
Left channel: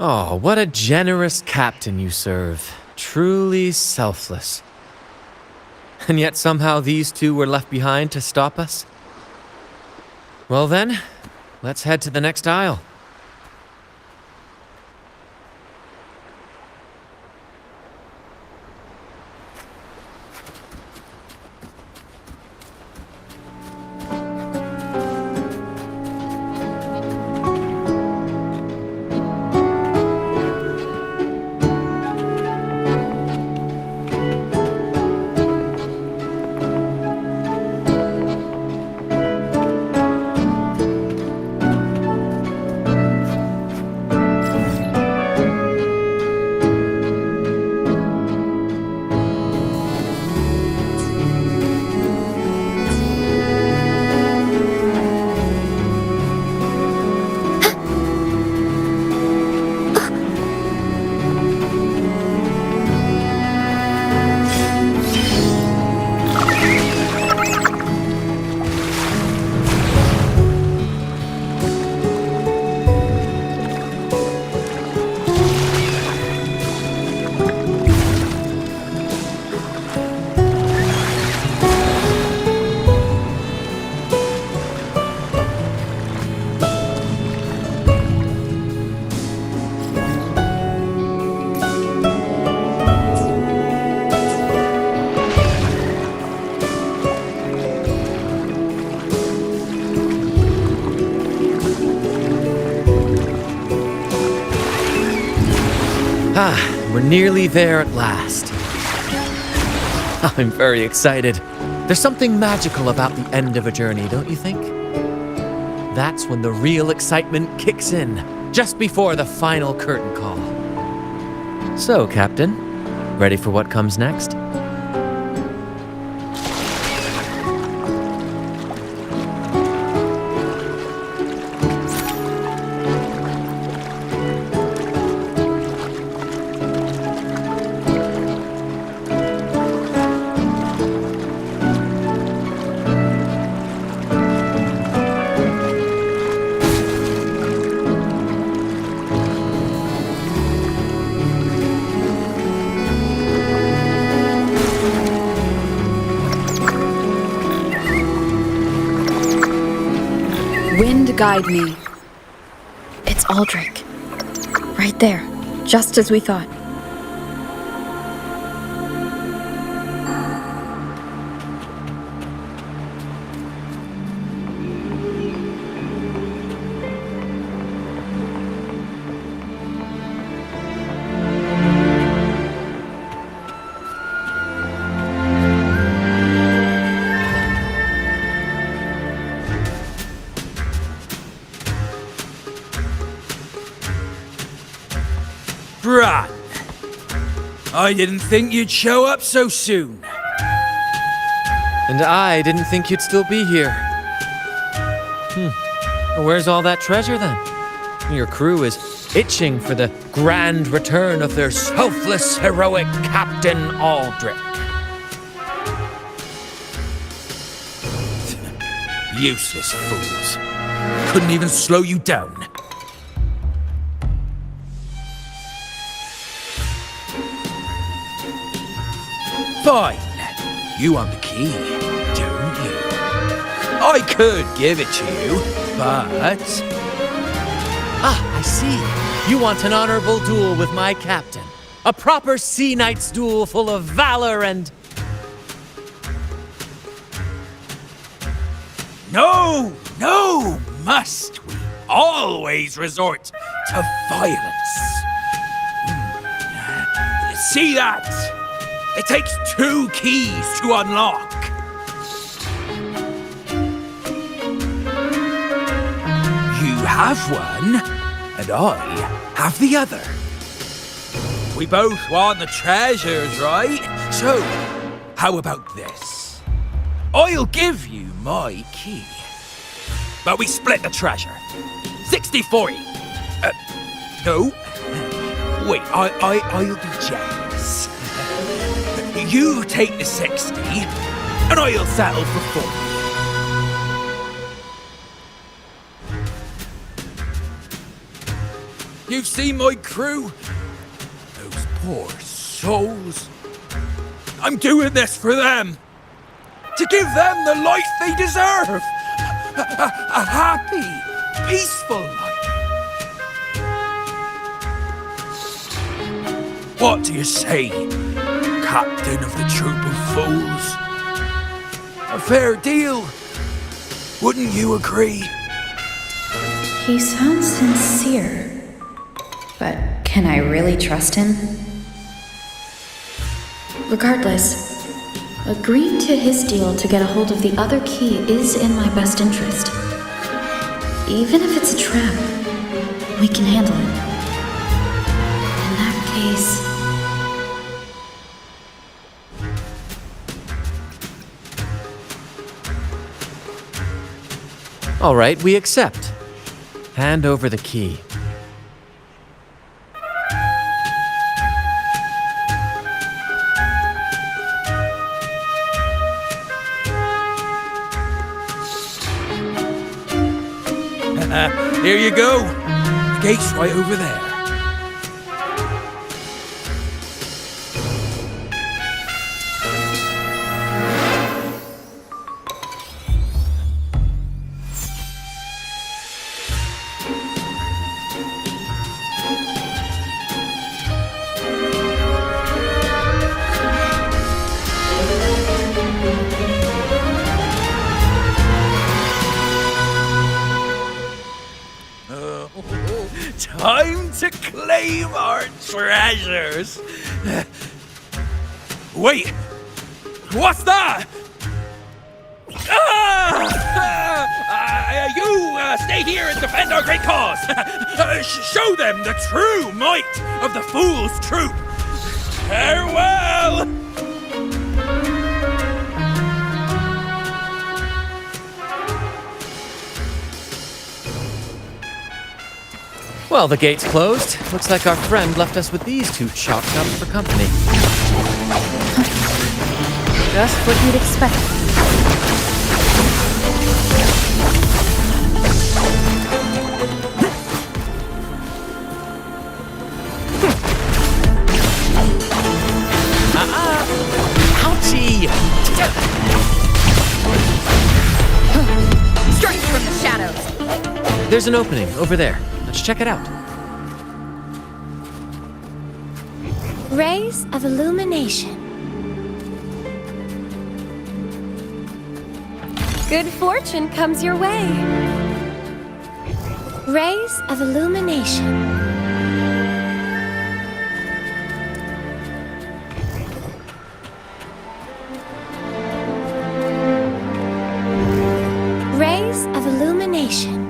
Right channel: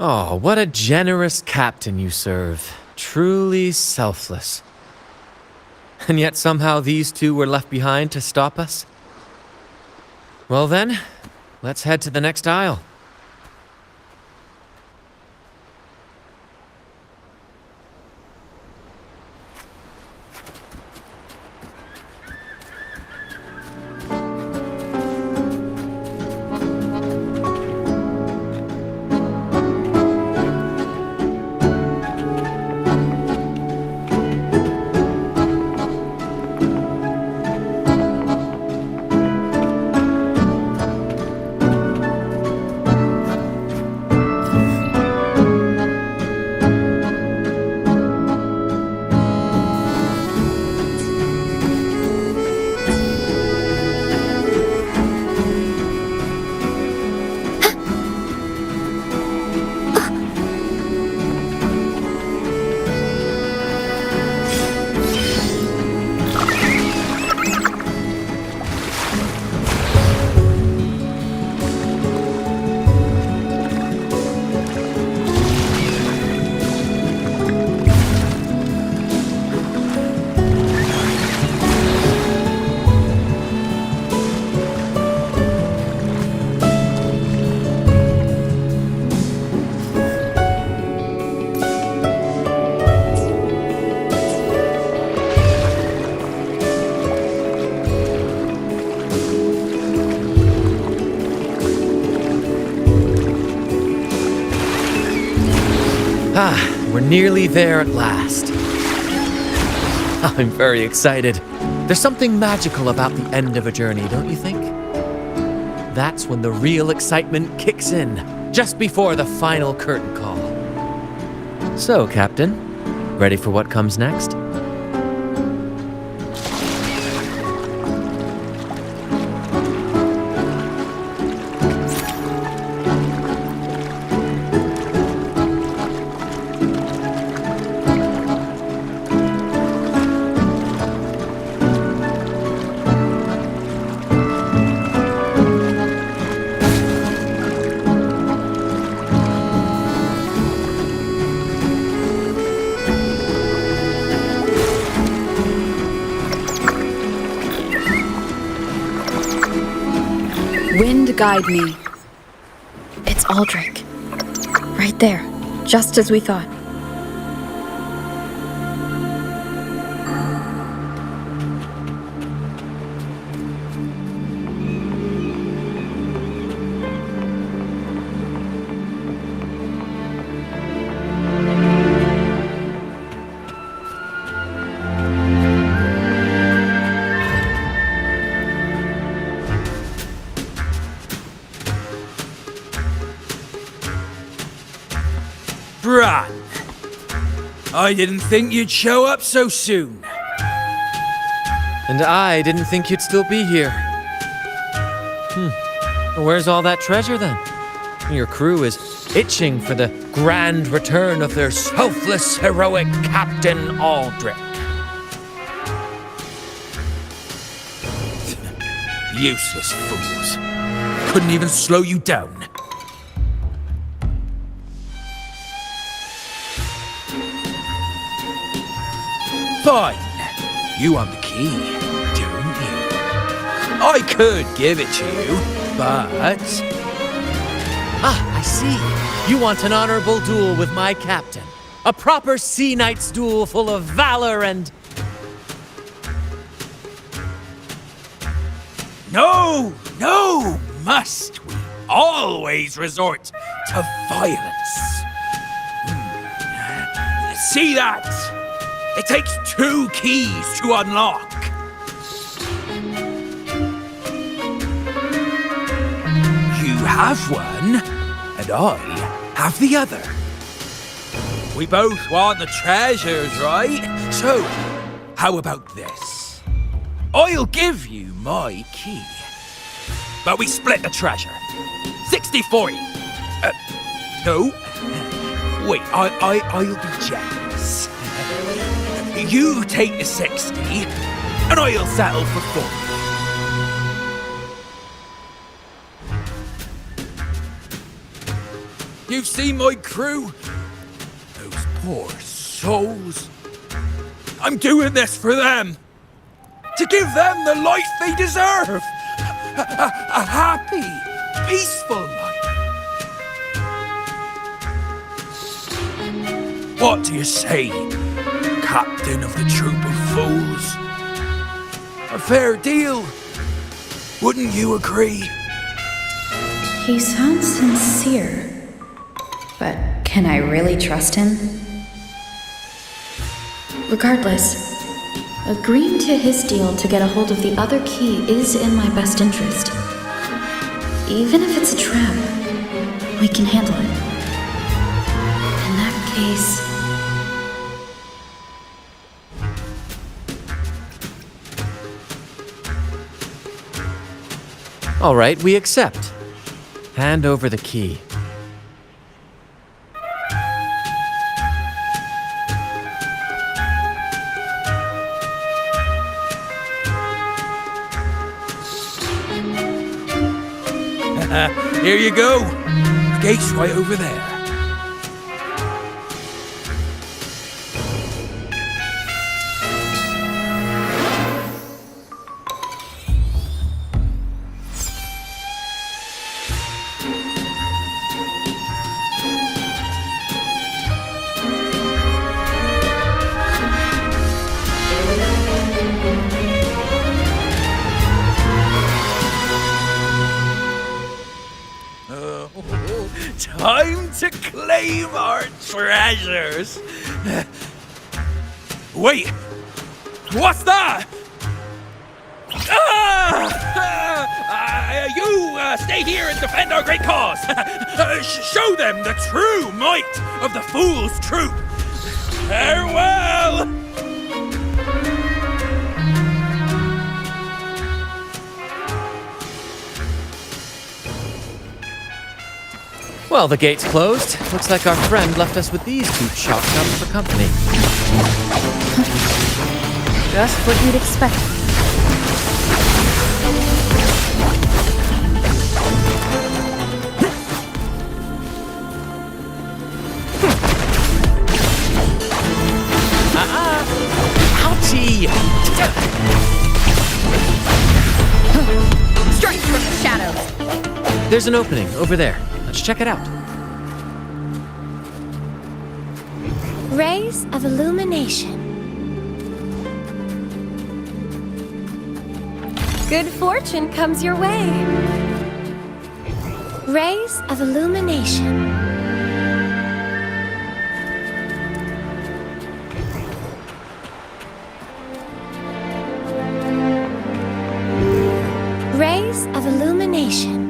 Oh, what a generous captain you serve. Truly selfless. And yet somehow these two were left behind to stop us? Well then, let's head to the next aisle. We're nearly there at last. I'm very excited. There's something magical about the end of a journey, don't you think? That's when the real excitement kicks in, just before the final curtain call. So, Captain, ready for what comes next? Wind guide me. It's Aldrich. Right there, just as we thought. Bran, I didn't think you'd show up so soon. And I didn't think you'd still be here. Where's all that treasure then? Your crew is itching for the grand return of their selfless, heroic Captain Aldrich. Useless fools. Couldn't even slow you down. Fine. You want the key, don't you? I could give it to you, but... Ah, I see. You want an honorable duel with my captain. A proper sea knight's duel full of valor and... No, must we always resort to violence? See that? It takes 2 keys to unlock. You have one, and I have the other. We both want the treasures, right? So, how about this? I'll give you my key. But we split the treasure. 60-40. No. Wait, I'll be generous. You take the 60, and I'll settle for 40. You've seen my crew? Those poor souls. I'm doing this for them. To give them the life they deserve. A happy, peaceful life. What do you say, Captain of the Troop of Fools? A fair deal, wouldn't you agree? He sounds sincere. But can I really trust him? Regardless, agreeing to his deal to get a hold of the other key is in my best interest. Even if it's a trap, we can handle it. In that case... All right, we accept. Hand over the key. Here you go. The gate's right over there. Time to claim our treasures. Wait, what's that? You stay here and defend our great cause. show them the true might of the Fool's Troop. Farewell! Well, the gate's closed. Looks like our friend left us with these two chalk cups for company. Just what you'd expect. Ouchie! Straight from the shadows. There's an opening over there. Let's check it out. Rays of illumination. Good fortune comes your way. Rays of illumination. Rays of illumination.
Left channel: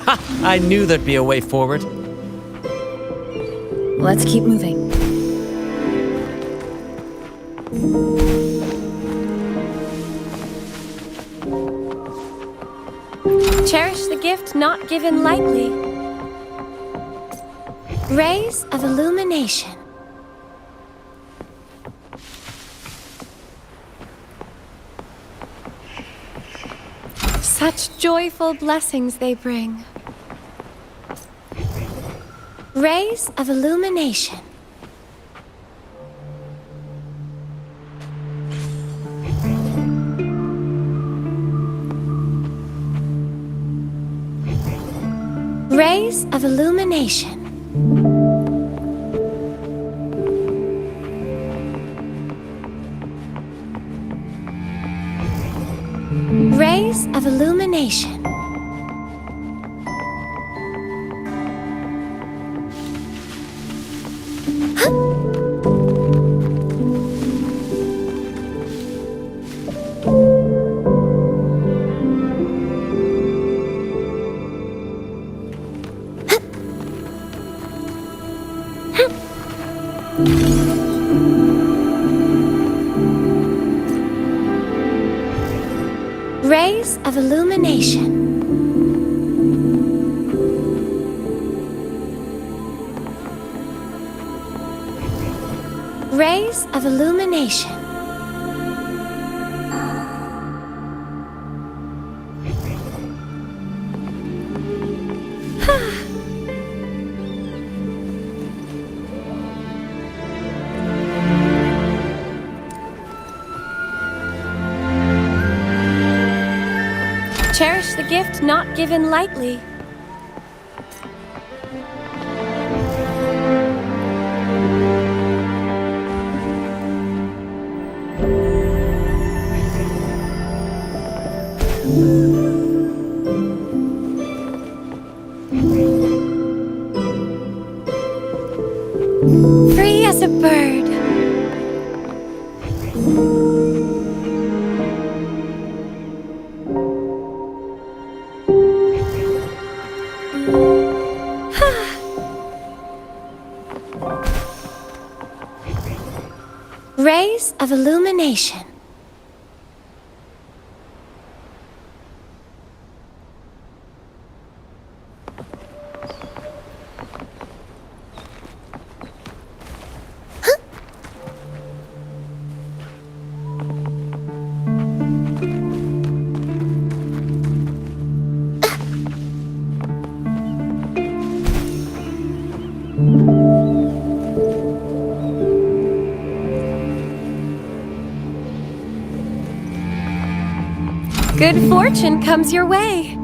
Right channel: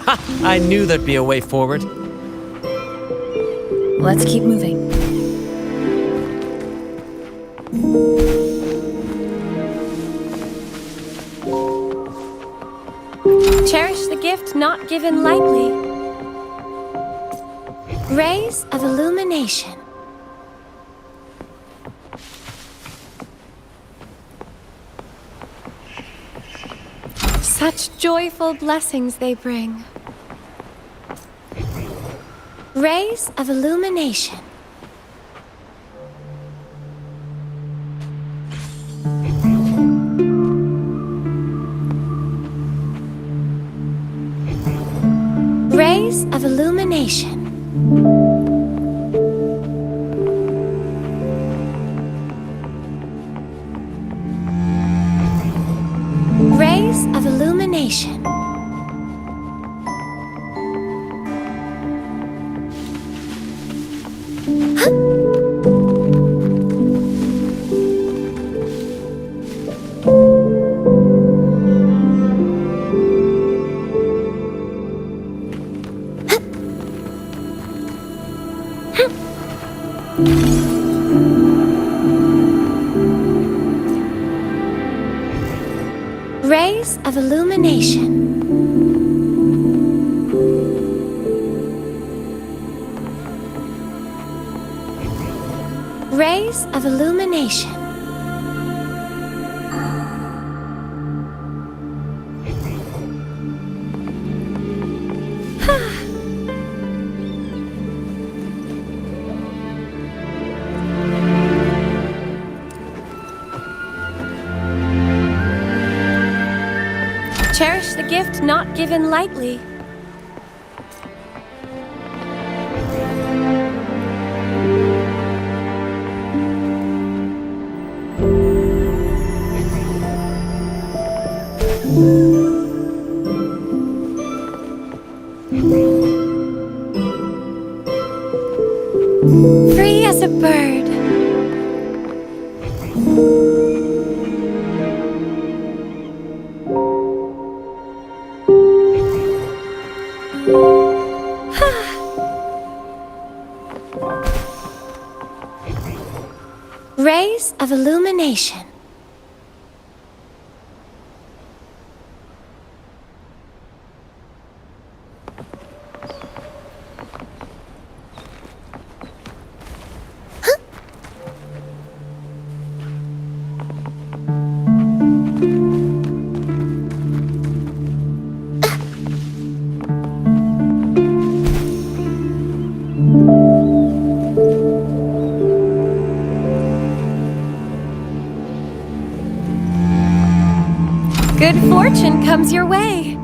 Ha! I knew there'd be a way forward. Let's keep moving. Cherish the gift not given lightly. Rays of illumination. Such joyful blessings they bring. Rays of illumination. Rays of illumination. Rays of illumination. Rays of illumination. Rays of illumination. Cherish the gift not given lightly. Free as a bird. Rays of illumination. Good fortune comes your way.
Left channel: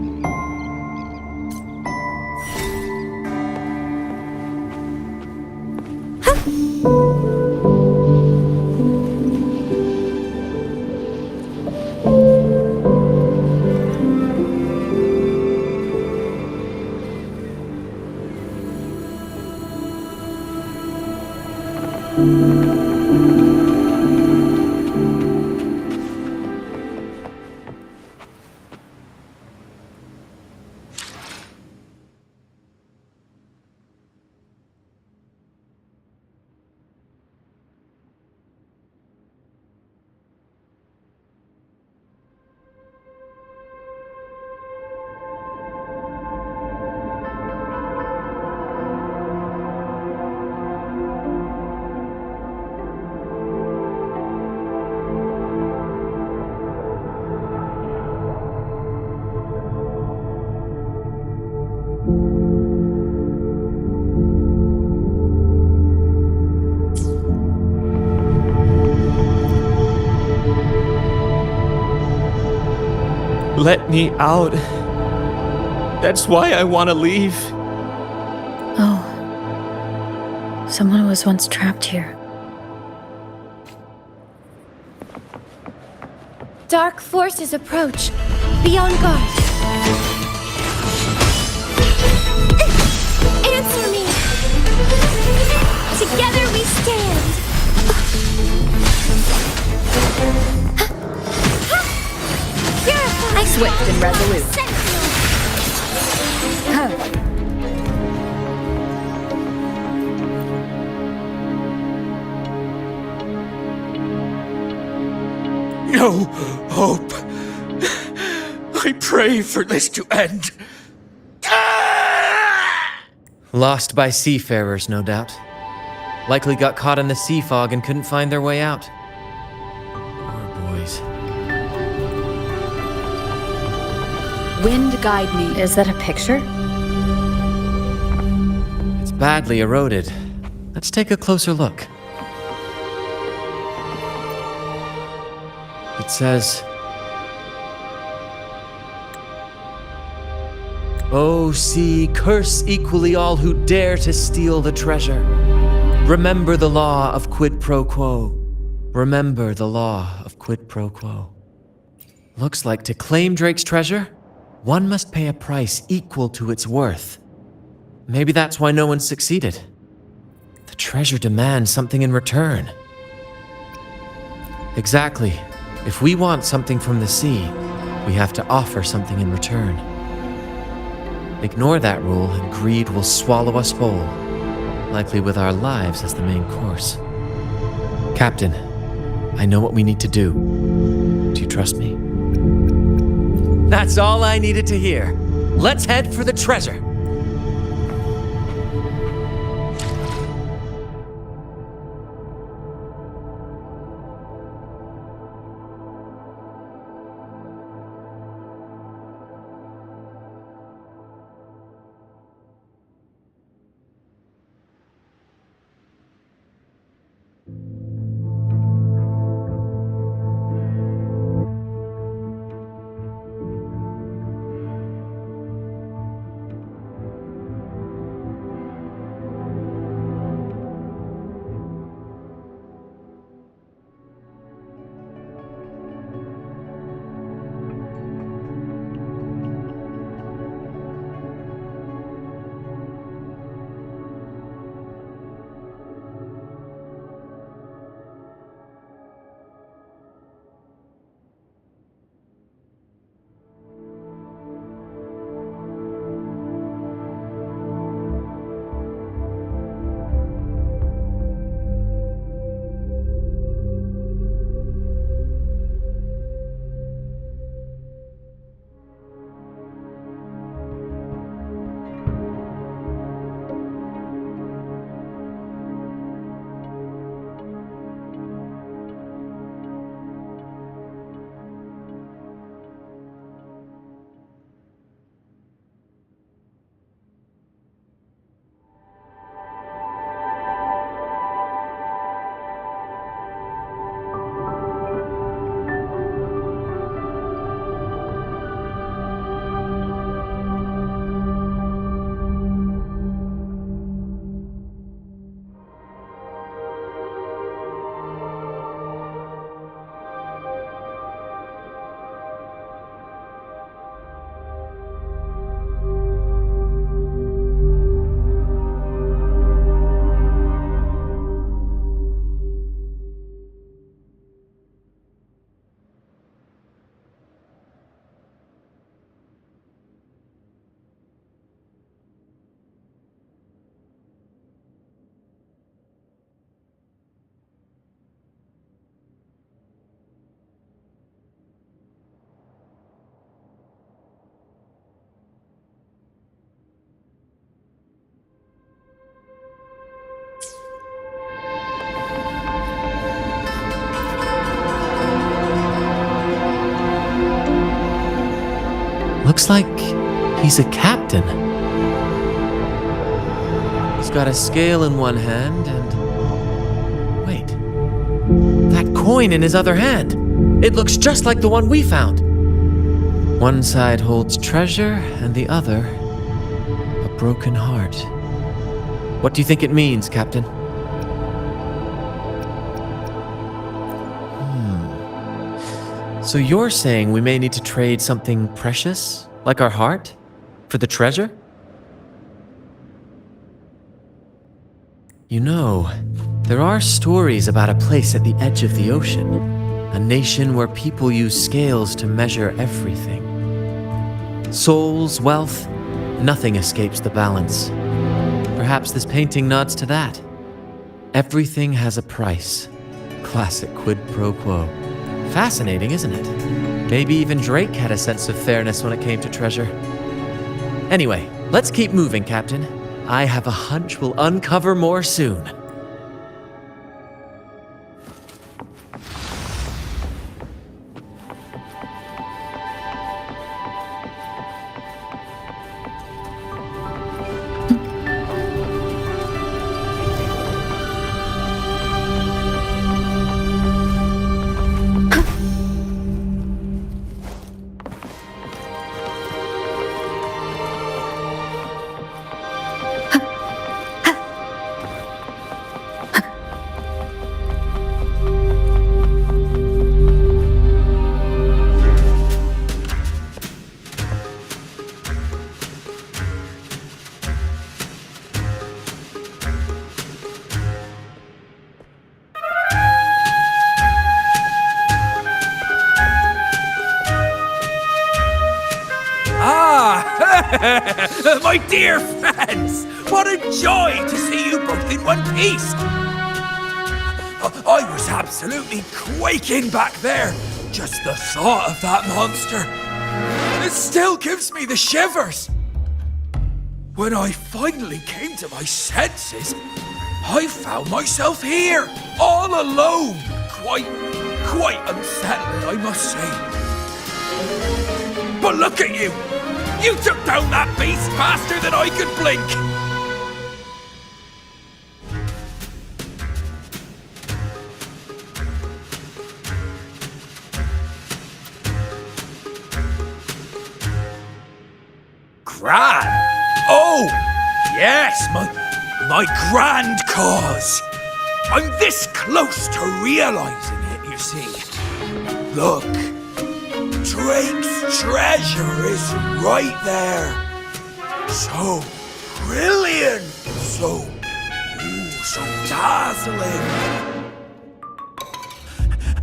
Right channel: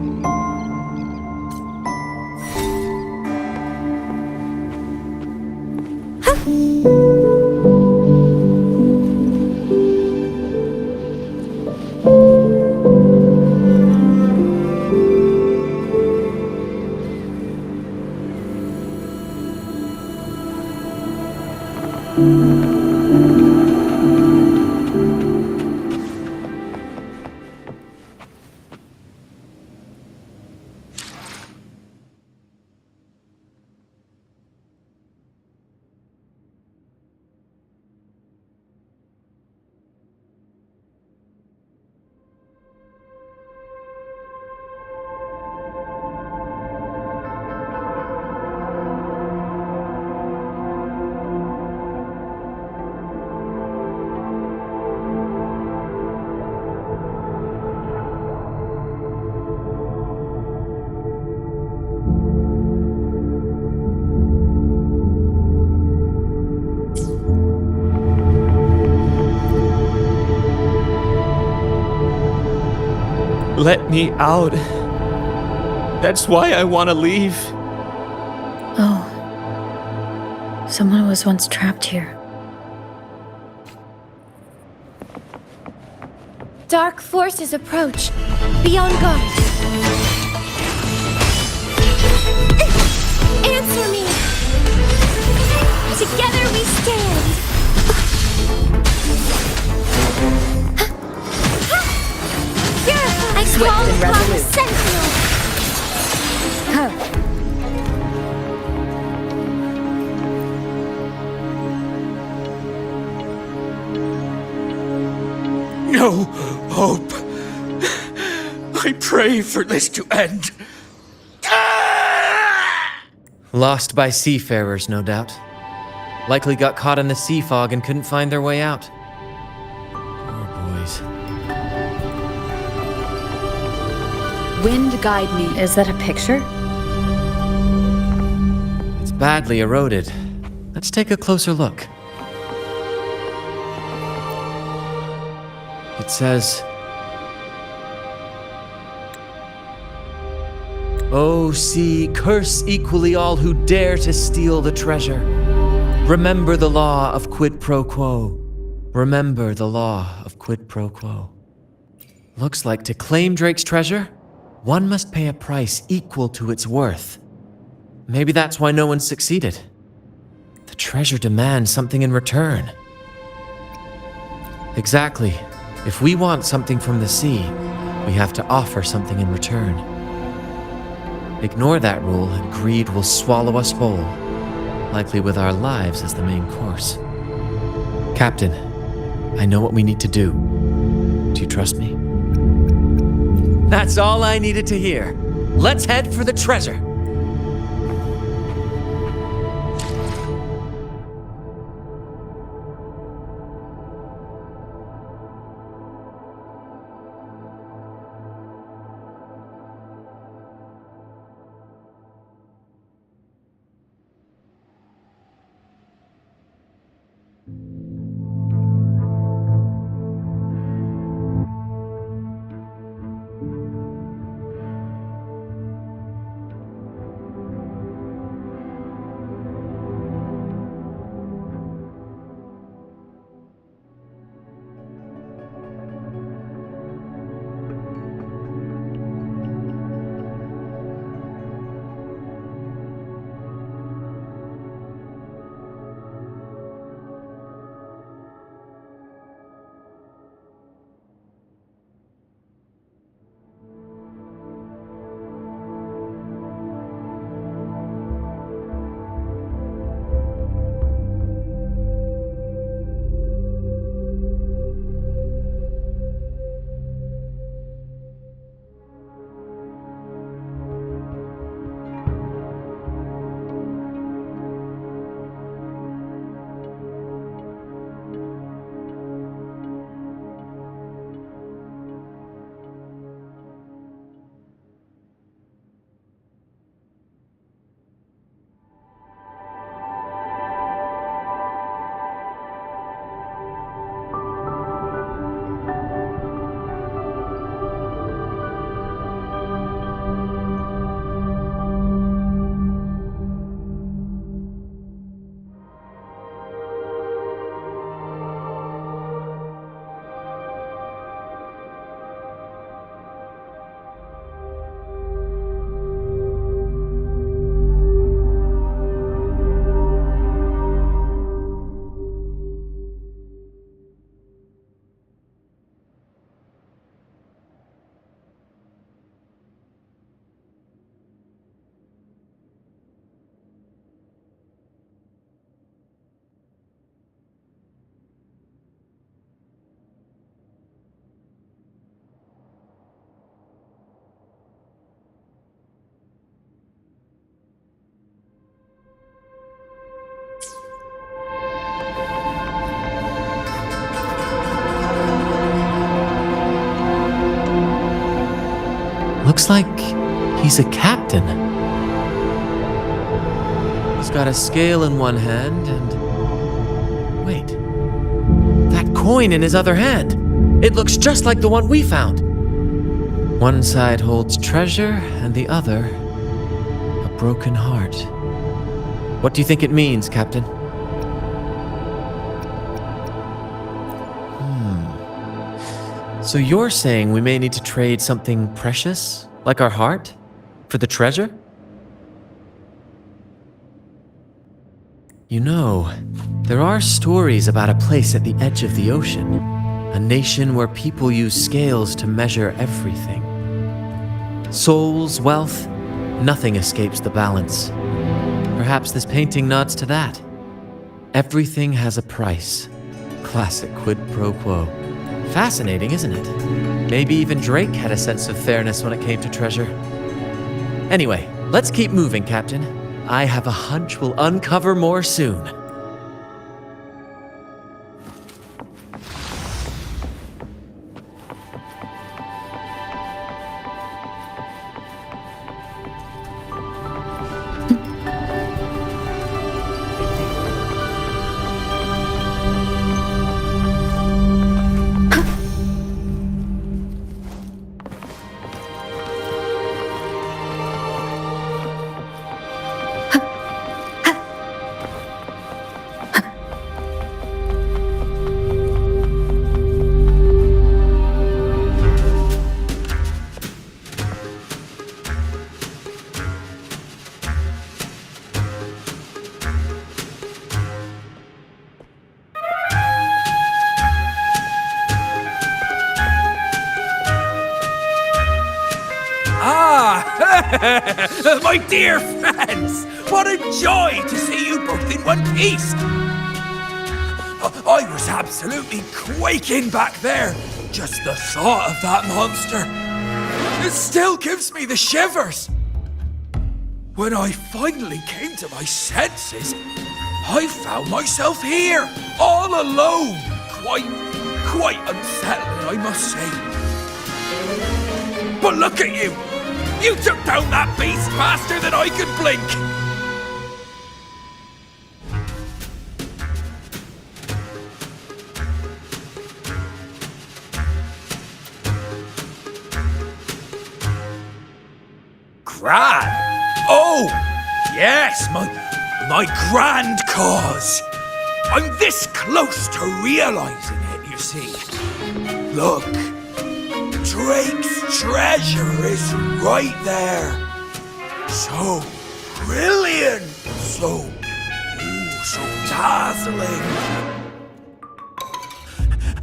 let me out. That's why I want to leave. Oh. Someone was once trapped here. Dark forces approach. Be on guard. Answer me! Together we stand! Purify! Swift and resolute. Sentinel! No hope. I pray for this to end. Lost by seafarers, no doubt. Likely got caught in the sea fog and couldn't find their way out. Poor boys. Wind guide me. Is that a picture? It's badly eroded. Let's take a closer look. It says, "O sea, curse equally all who dare to steal the treasure. Remember the law of quid pro quo. Remember the law of quid pro quo." Looks like to claim Drake's treasure, one must pay a price equal to its worth. Maybe that's why no one succeeded. The treasure demands something in return. Exactly. If we want something from the sea, we have to offer something in return. Ignore that rule and greed will swallow us whole, likely with our lives as the main course. Captain, I know what we need to do. Do you trust me? That's all I needed to hear. Let's head for the treasure. Looks like he's a captain. He's got a scale in one hand and... Wait. That coin in his other hand. It looks just like the one we found. One side holds treasure, and the other, a broken heart. What do you think it means, Captain? So you're saying we may need to trade something precious, like our heart, for the treasure? You know, there are stories about a place at the edge of the ocean, a nation where people use scales to measure everything. Souls, wealth, nothing escapes the balance. Perhaps this painting nods to that. Everything has a price. Classic quid pro quo. Fascinating, isn't it? Maybe even Drake had a sense of fairness when it came to treasure. Anyway, let's keep moving, Captain. I have a hunch we'll uncover more soon. Ah, my dear friends, what a joy to see you both in one piece. I was absolutely quaking back there. Just the thought of that monster. It still gives me the shivers. When I finally came to my senses, I found myself here, all alone. Quite unsettling, I must say. But look at you! You took down that beast faster than I could blink! Gran? Oh! Yes, my grand cause! I'm this close to realizing it, you see. Look. Drake's treasure is right there. So brilliant, so dazzling.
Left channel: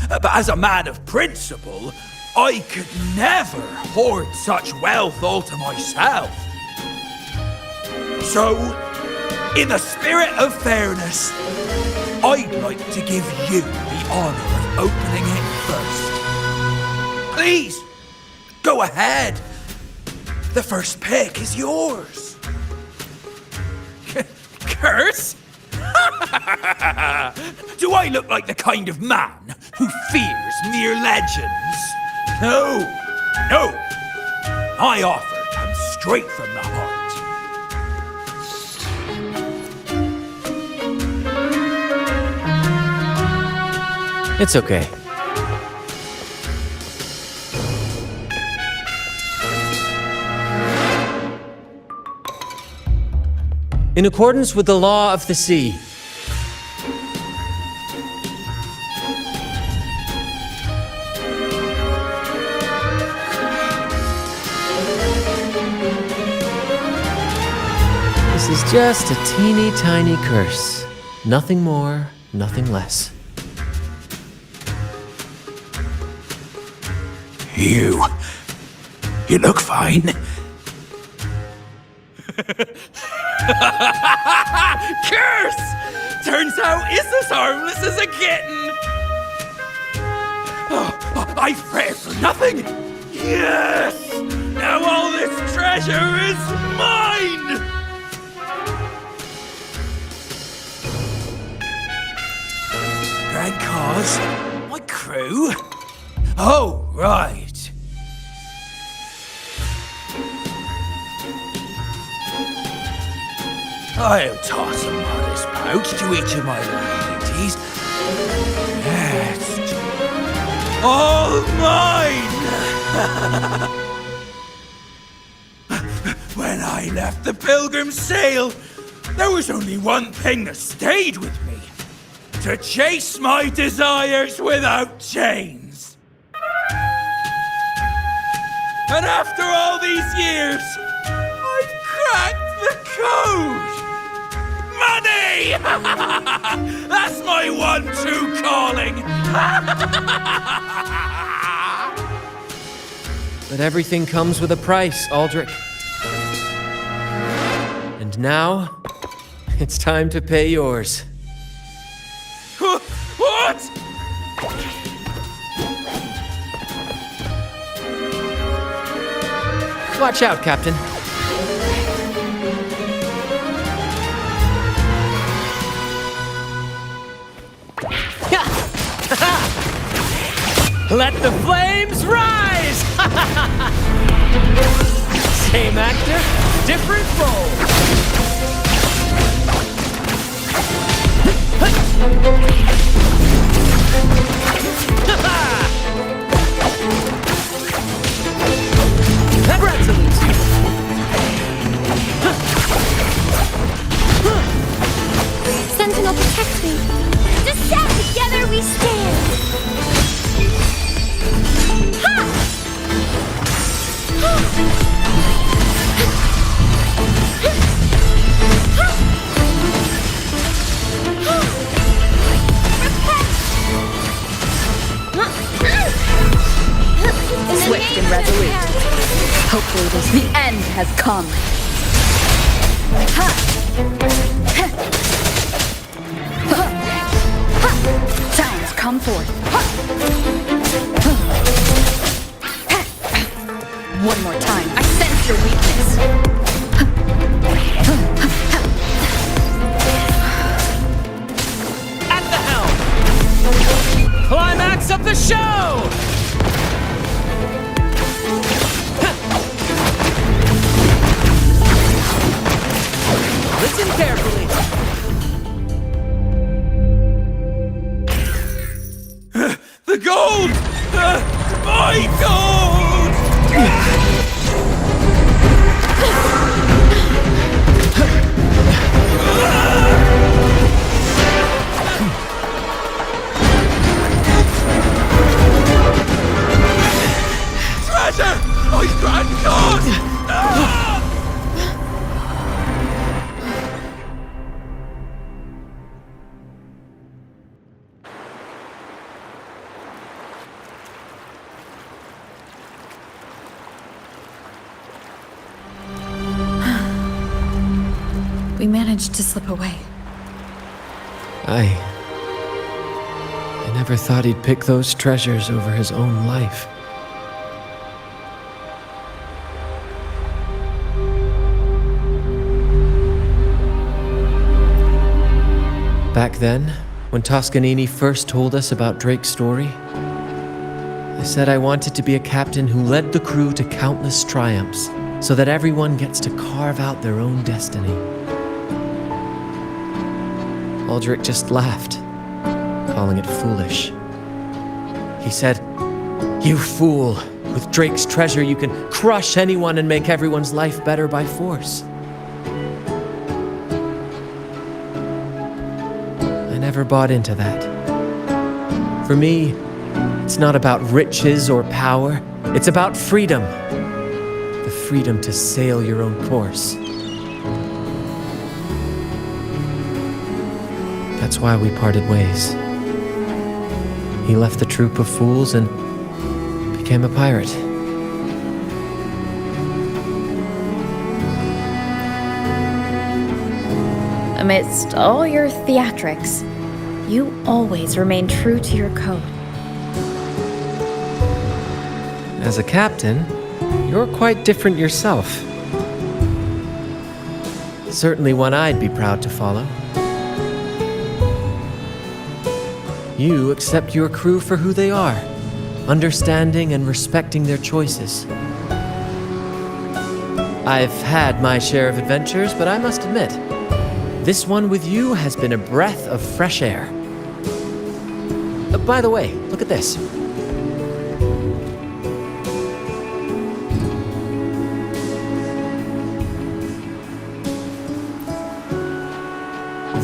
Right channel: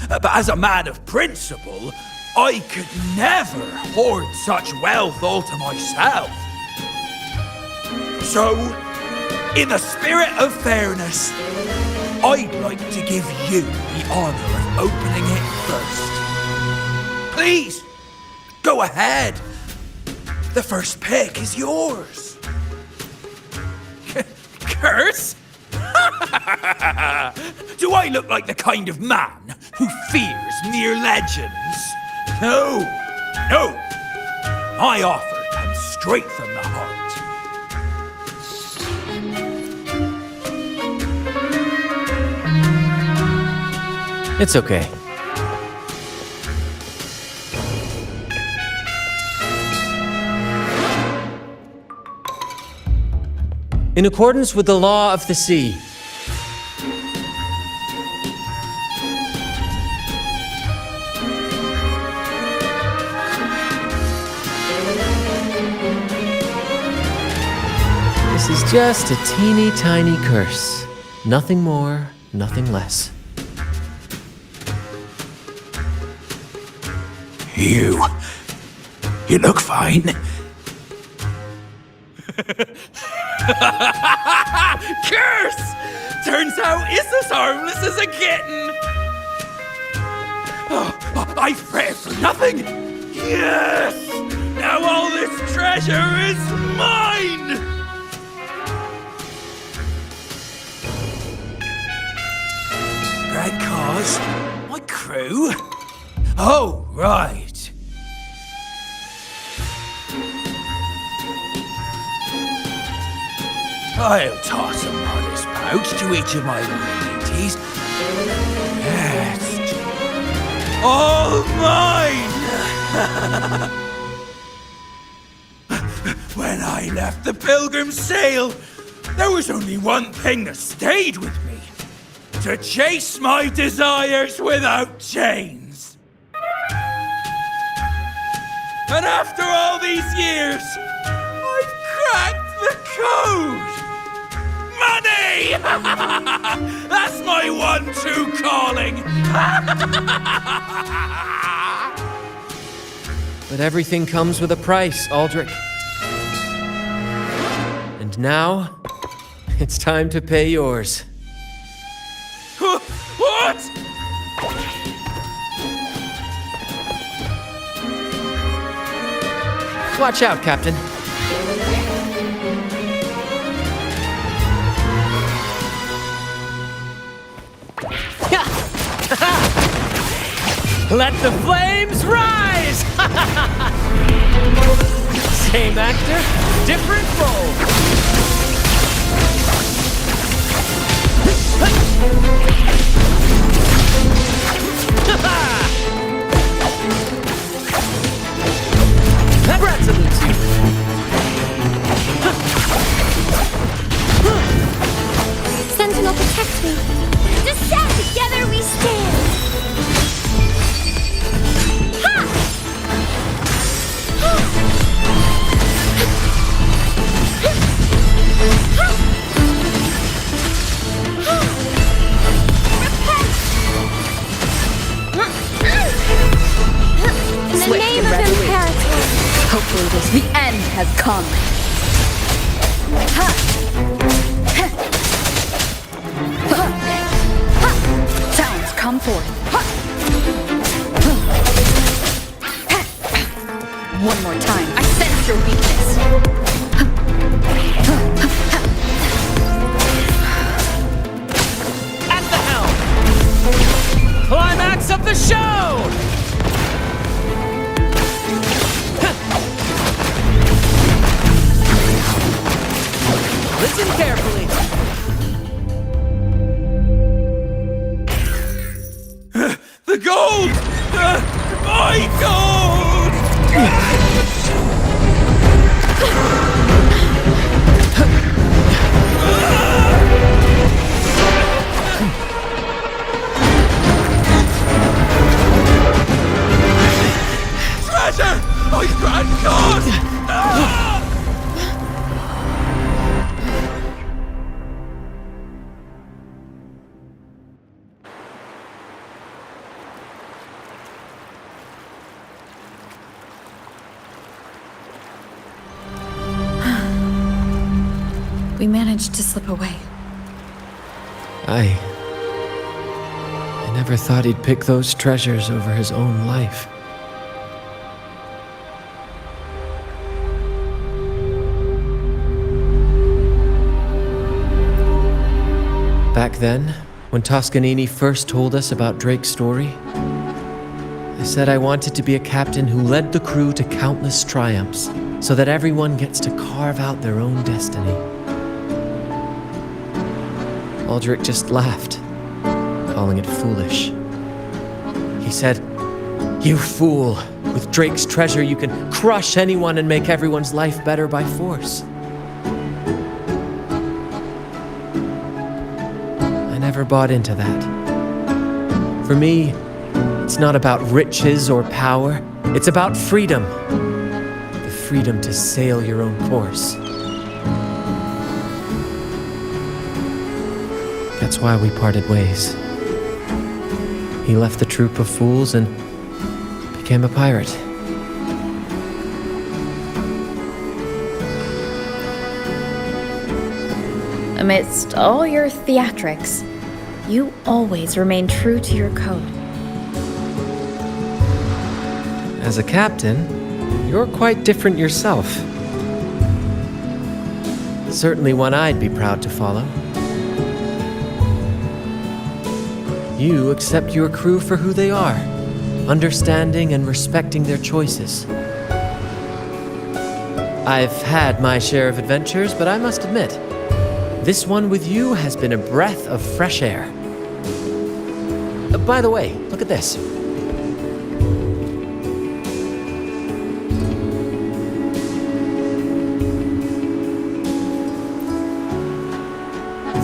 But as a man of principle, I could never hoard such wealth all to myself. So, in the spirit of fairness, I'd like to give you the honor of opening it first. Please, go ahead. The first pick is yours. Curse? Do I look like the kind of man who fears mere legends? No. My offer comes straight from the heart. It's okay. In accordance with the law of the sea. This is just a teeny tiny curse. Nothing more, nothing less. You look fine. Curse! Turns out it's as harmless as a kitten. Oh, I fretted for nothing. Yes! Now all this treasure is mine! Grand cause? My crew? Oh, right. I'll toss a modest pouch to each of my loyal mateys, and the rest, all mine! I left the Pilgrim's Sail, there was only one thing that stayed with me. To chase my desires without chains. And after all these years, I've cracked the code! Money! That's my one true calling! But everything comes with a price, Aldrich. And now, it's time to pay yours. What? Watch out, Captain. Let the flames rise! Same actor, different role. Brad salutes you. Sentinel, protect me. Just stand together, we stand. Ha! Swift and resolute. Hopefully the end has come. Sounds come forth. One more time. I sense your weakness. At the helm! Climax of the show! Listen carefully. The gold! My gold! Treasure! My grand cause! We managed to slip away. I never thought he'd pick those treasures over his own life. Back then, when Toscanini first told us about Drake's story, I said I wanted to be a captain who led the crew to countless triumphs, so that everyone gets to carve out their own destiny. Aldrich just laughed, calling it foolish. He said, "You fool! With Drake's treasure, you can crush anyone and make everyone's life better by force." I never bought into that. For me, it's not about riches or power. It's about freedom. The freedom to sail your own course. That's why we parted ways. He left the troop of fools and became a pirate. Amidst all your theatrics, you always remain true to your code. As a captain, you're quite different yourself. Certainly one I'd be proud to follow. You accept your crew for who they are, understanding and respecting their choices. I've had my share of adventures, but I must admit, this one with you has been a breath of fresh air. By the way, look at this.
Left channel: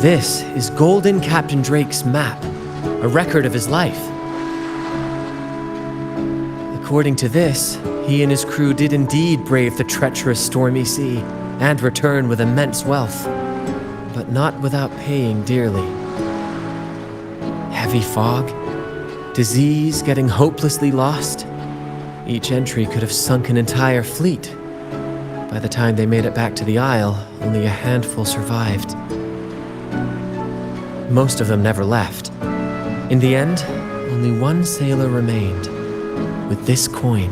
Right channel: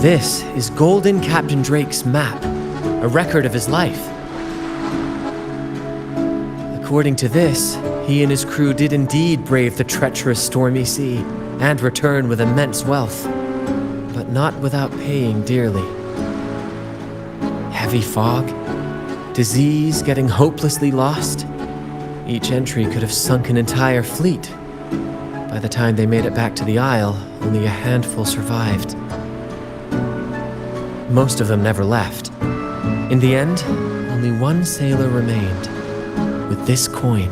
This is Golden Captain Drake's map, a record of his life. According to this, he and his crew did indeed brave the treacherous stormy sea and return with immense wealth, but not without paying dearly. Heavy fog, disease, getting hopelessly lost. Each entry could have sunk an entire fleet. By the time they made it back to the Isle, only a handful survived. Most of them never left. In the end, only one sailor remained, with this coin.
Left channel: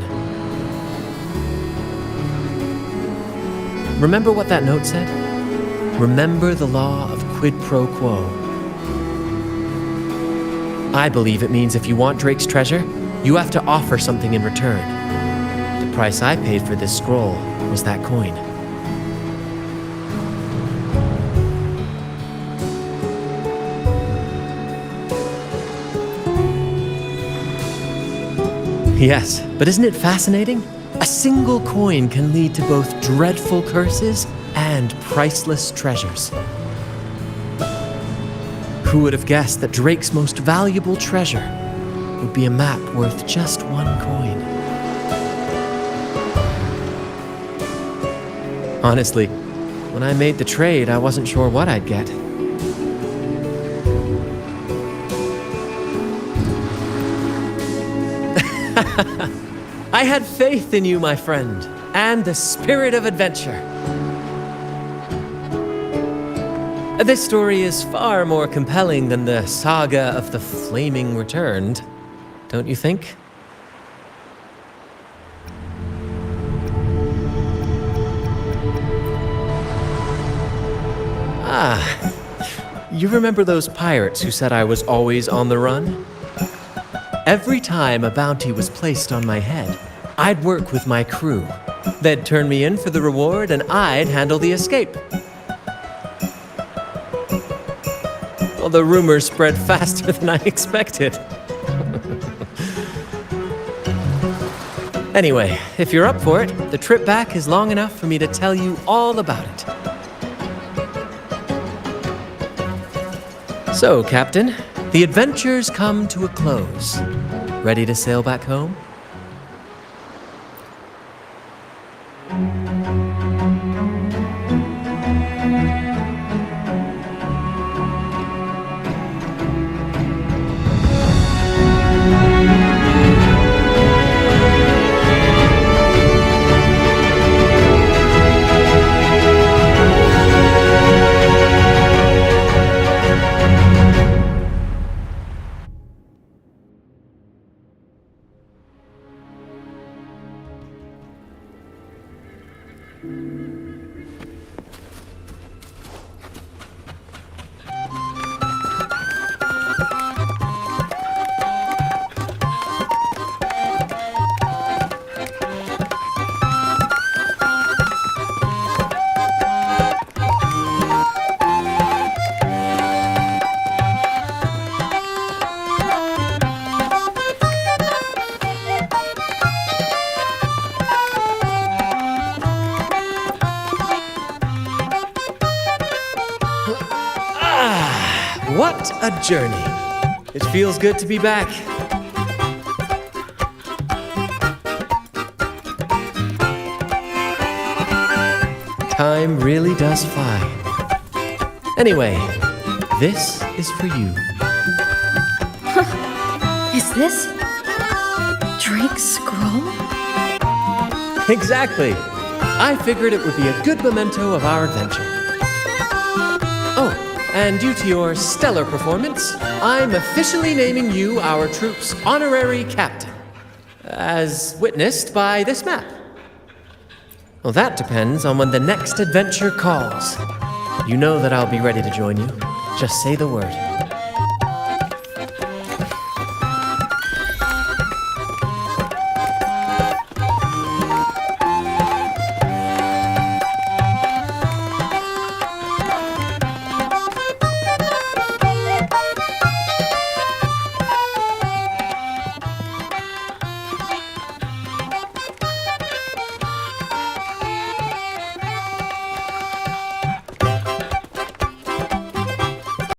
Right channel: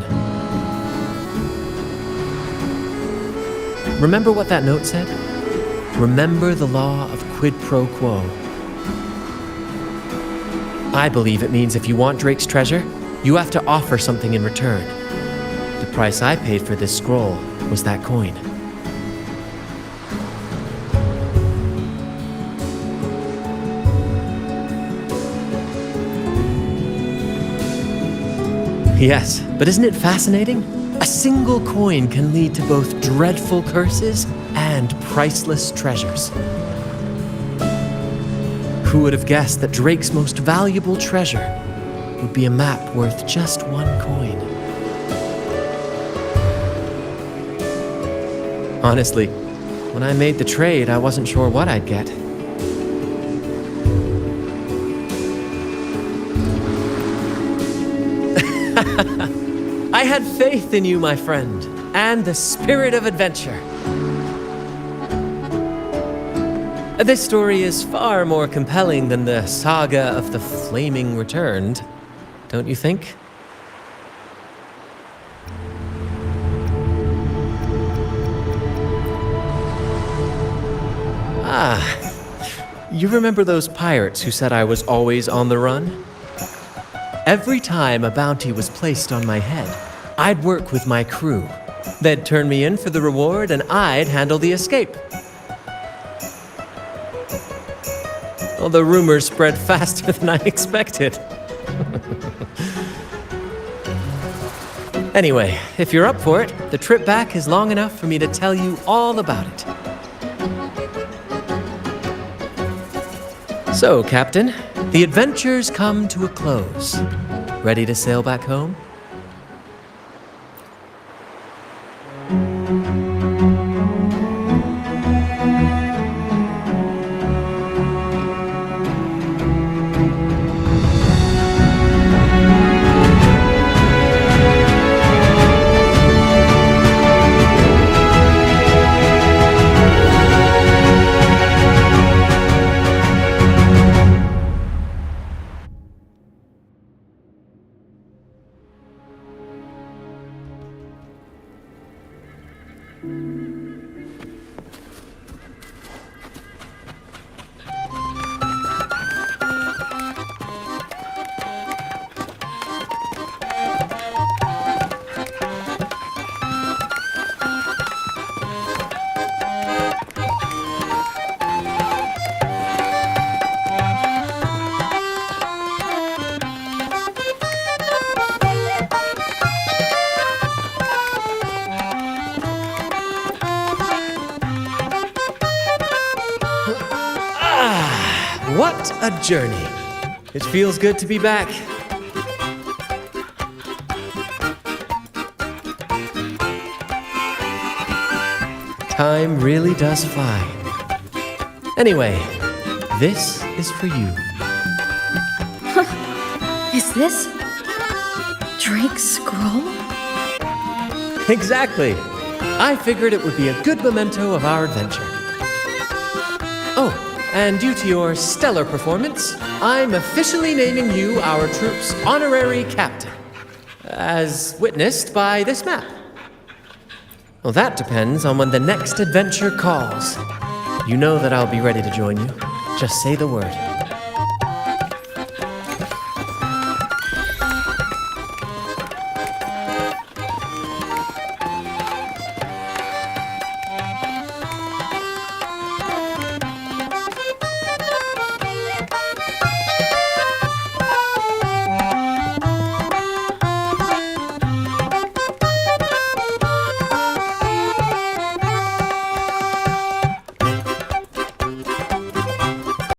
Remember what that note said? Remember the law of quid pro quo. I believe it means if you want Drake's treasure, you have to offer something in return. The price I paid for this scroll was that coin. Yes, but isn't it fascinating? A single coin can lead to both dreadful curses and priceless treasures. Who would have guessed that Drake's most valuable treasure would be a map worth just one coin? Honestly, when I made the trade, I wasn't sure what I'd get. I had faith in you, my friend, and the spirit of adventure. This story is far more compelling than the saga of the Flaming Returned, don't you think? Ah, you remember those pirates who said I was always on the run? Every time a bounty was placed on my head, I'd work with my crew. They'd turn me in for the reward and I'd handle the escape. Well, the rumors spread faster than I expected. Anyway, if you're up for it, the trip back is long enough for me to tell you all about it. So, Captain, the adventures come to a close. Ready to sail back home? What a journey. It feels good to be back. Time really does fly. Anyway, this is for you. Is this Drake's scroll? Exactly. I figured it would be a good memento of our adventure. Oh, and due to your stellar performance, I'm officially naming you our troop's honorary captain, as witnessed by this map. Well, that depends on when the next adventure calls. You know that I'll be ready to join you. Just say the word.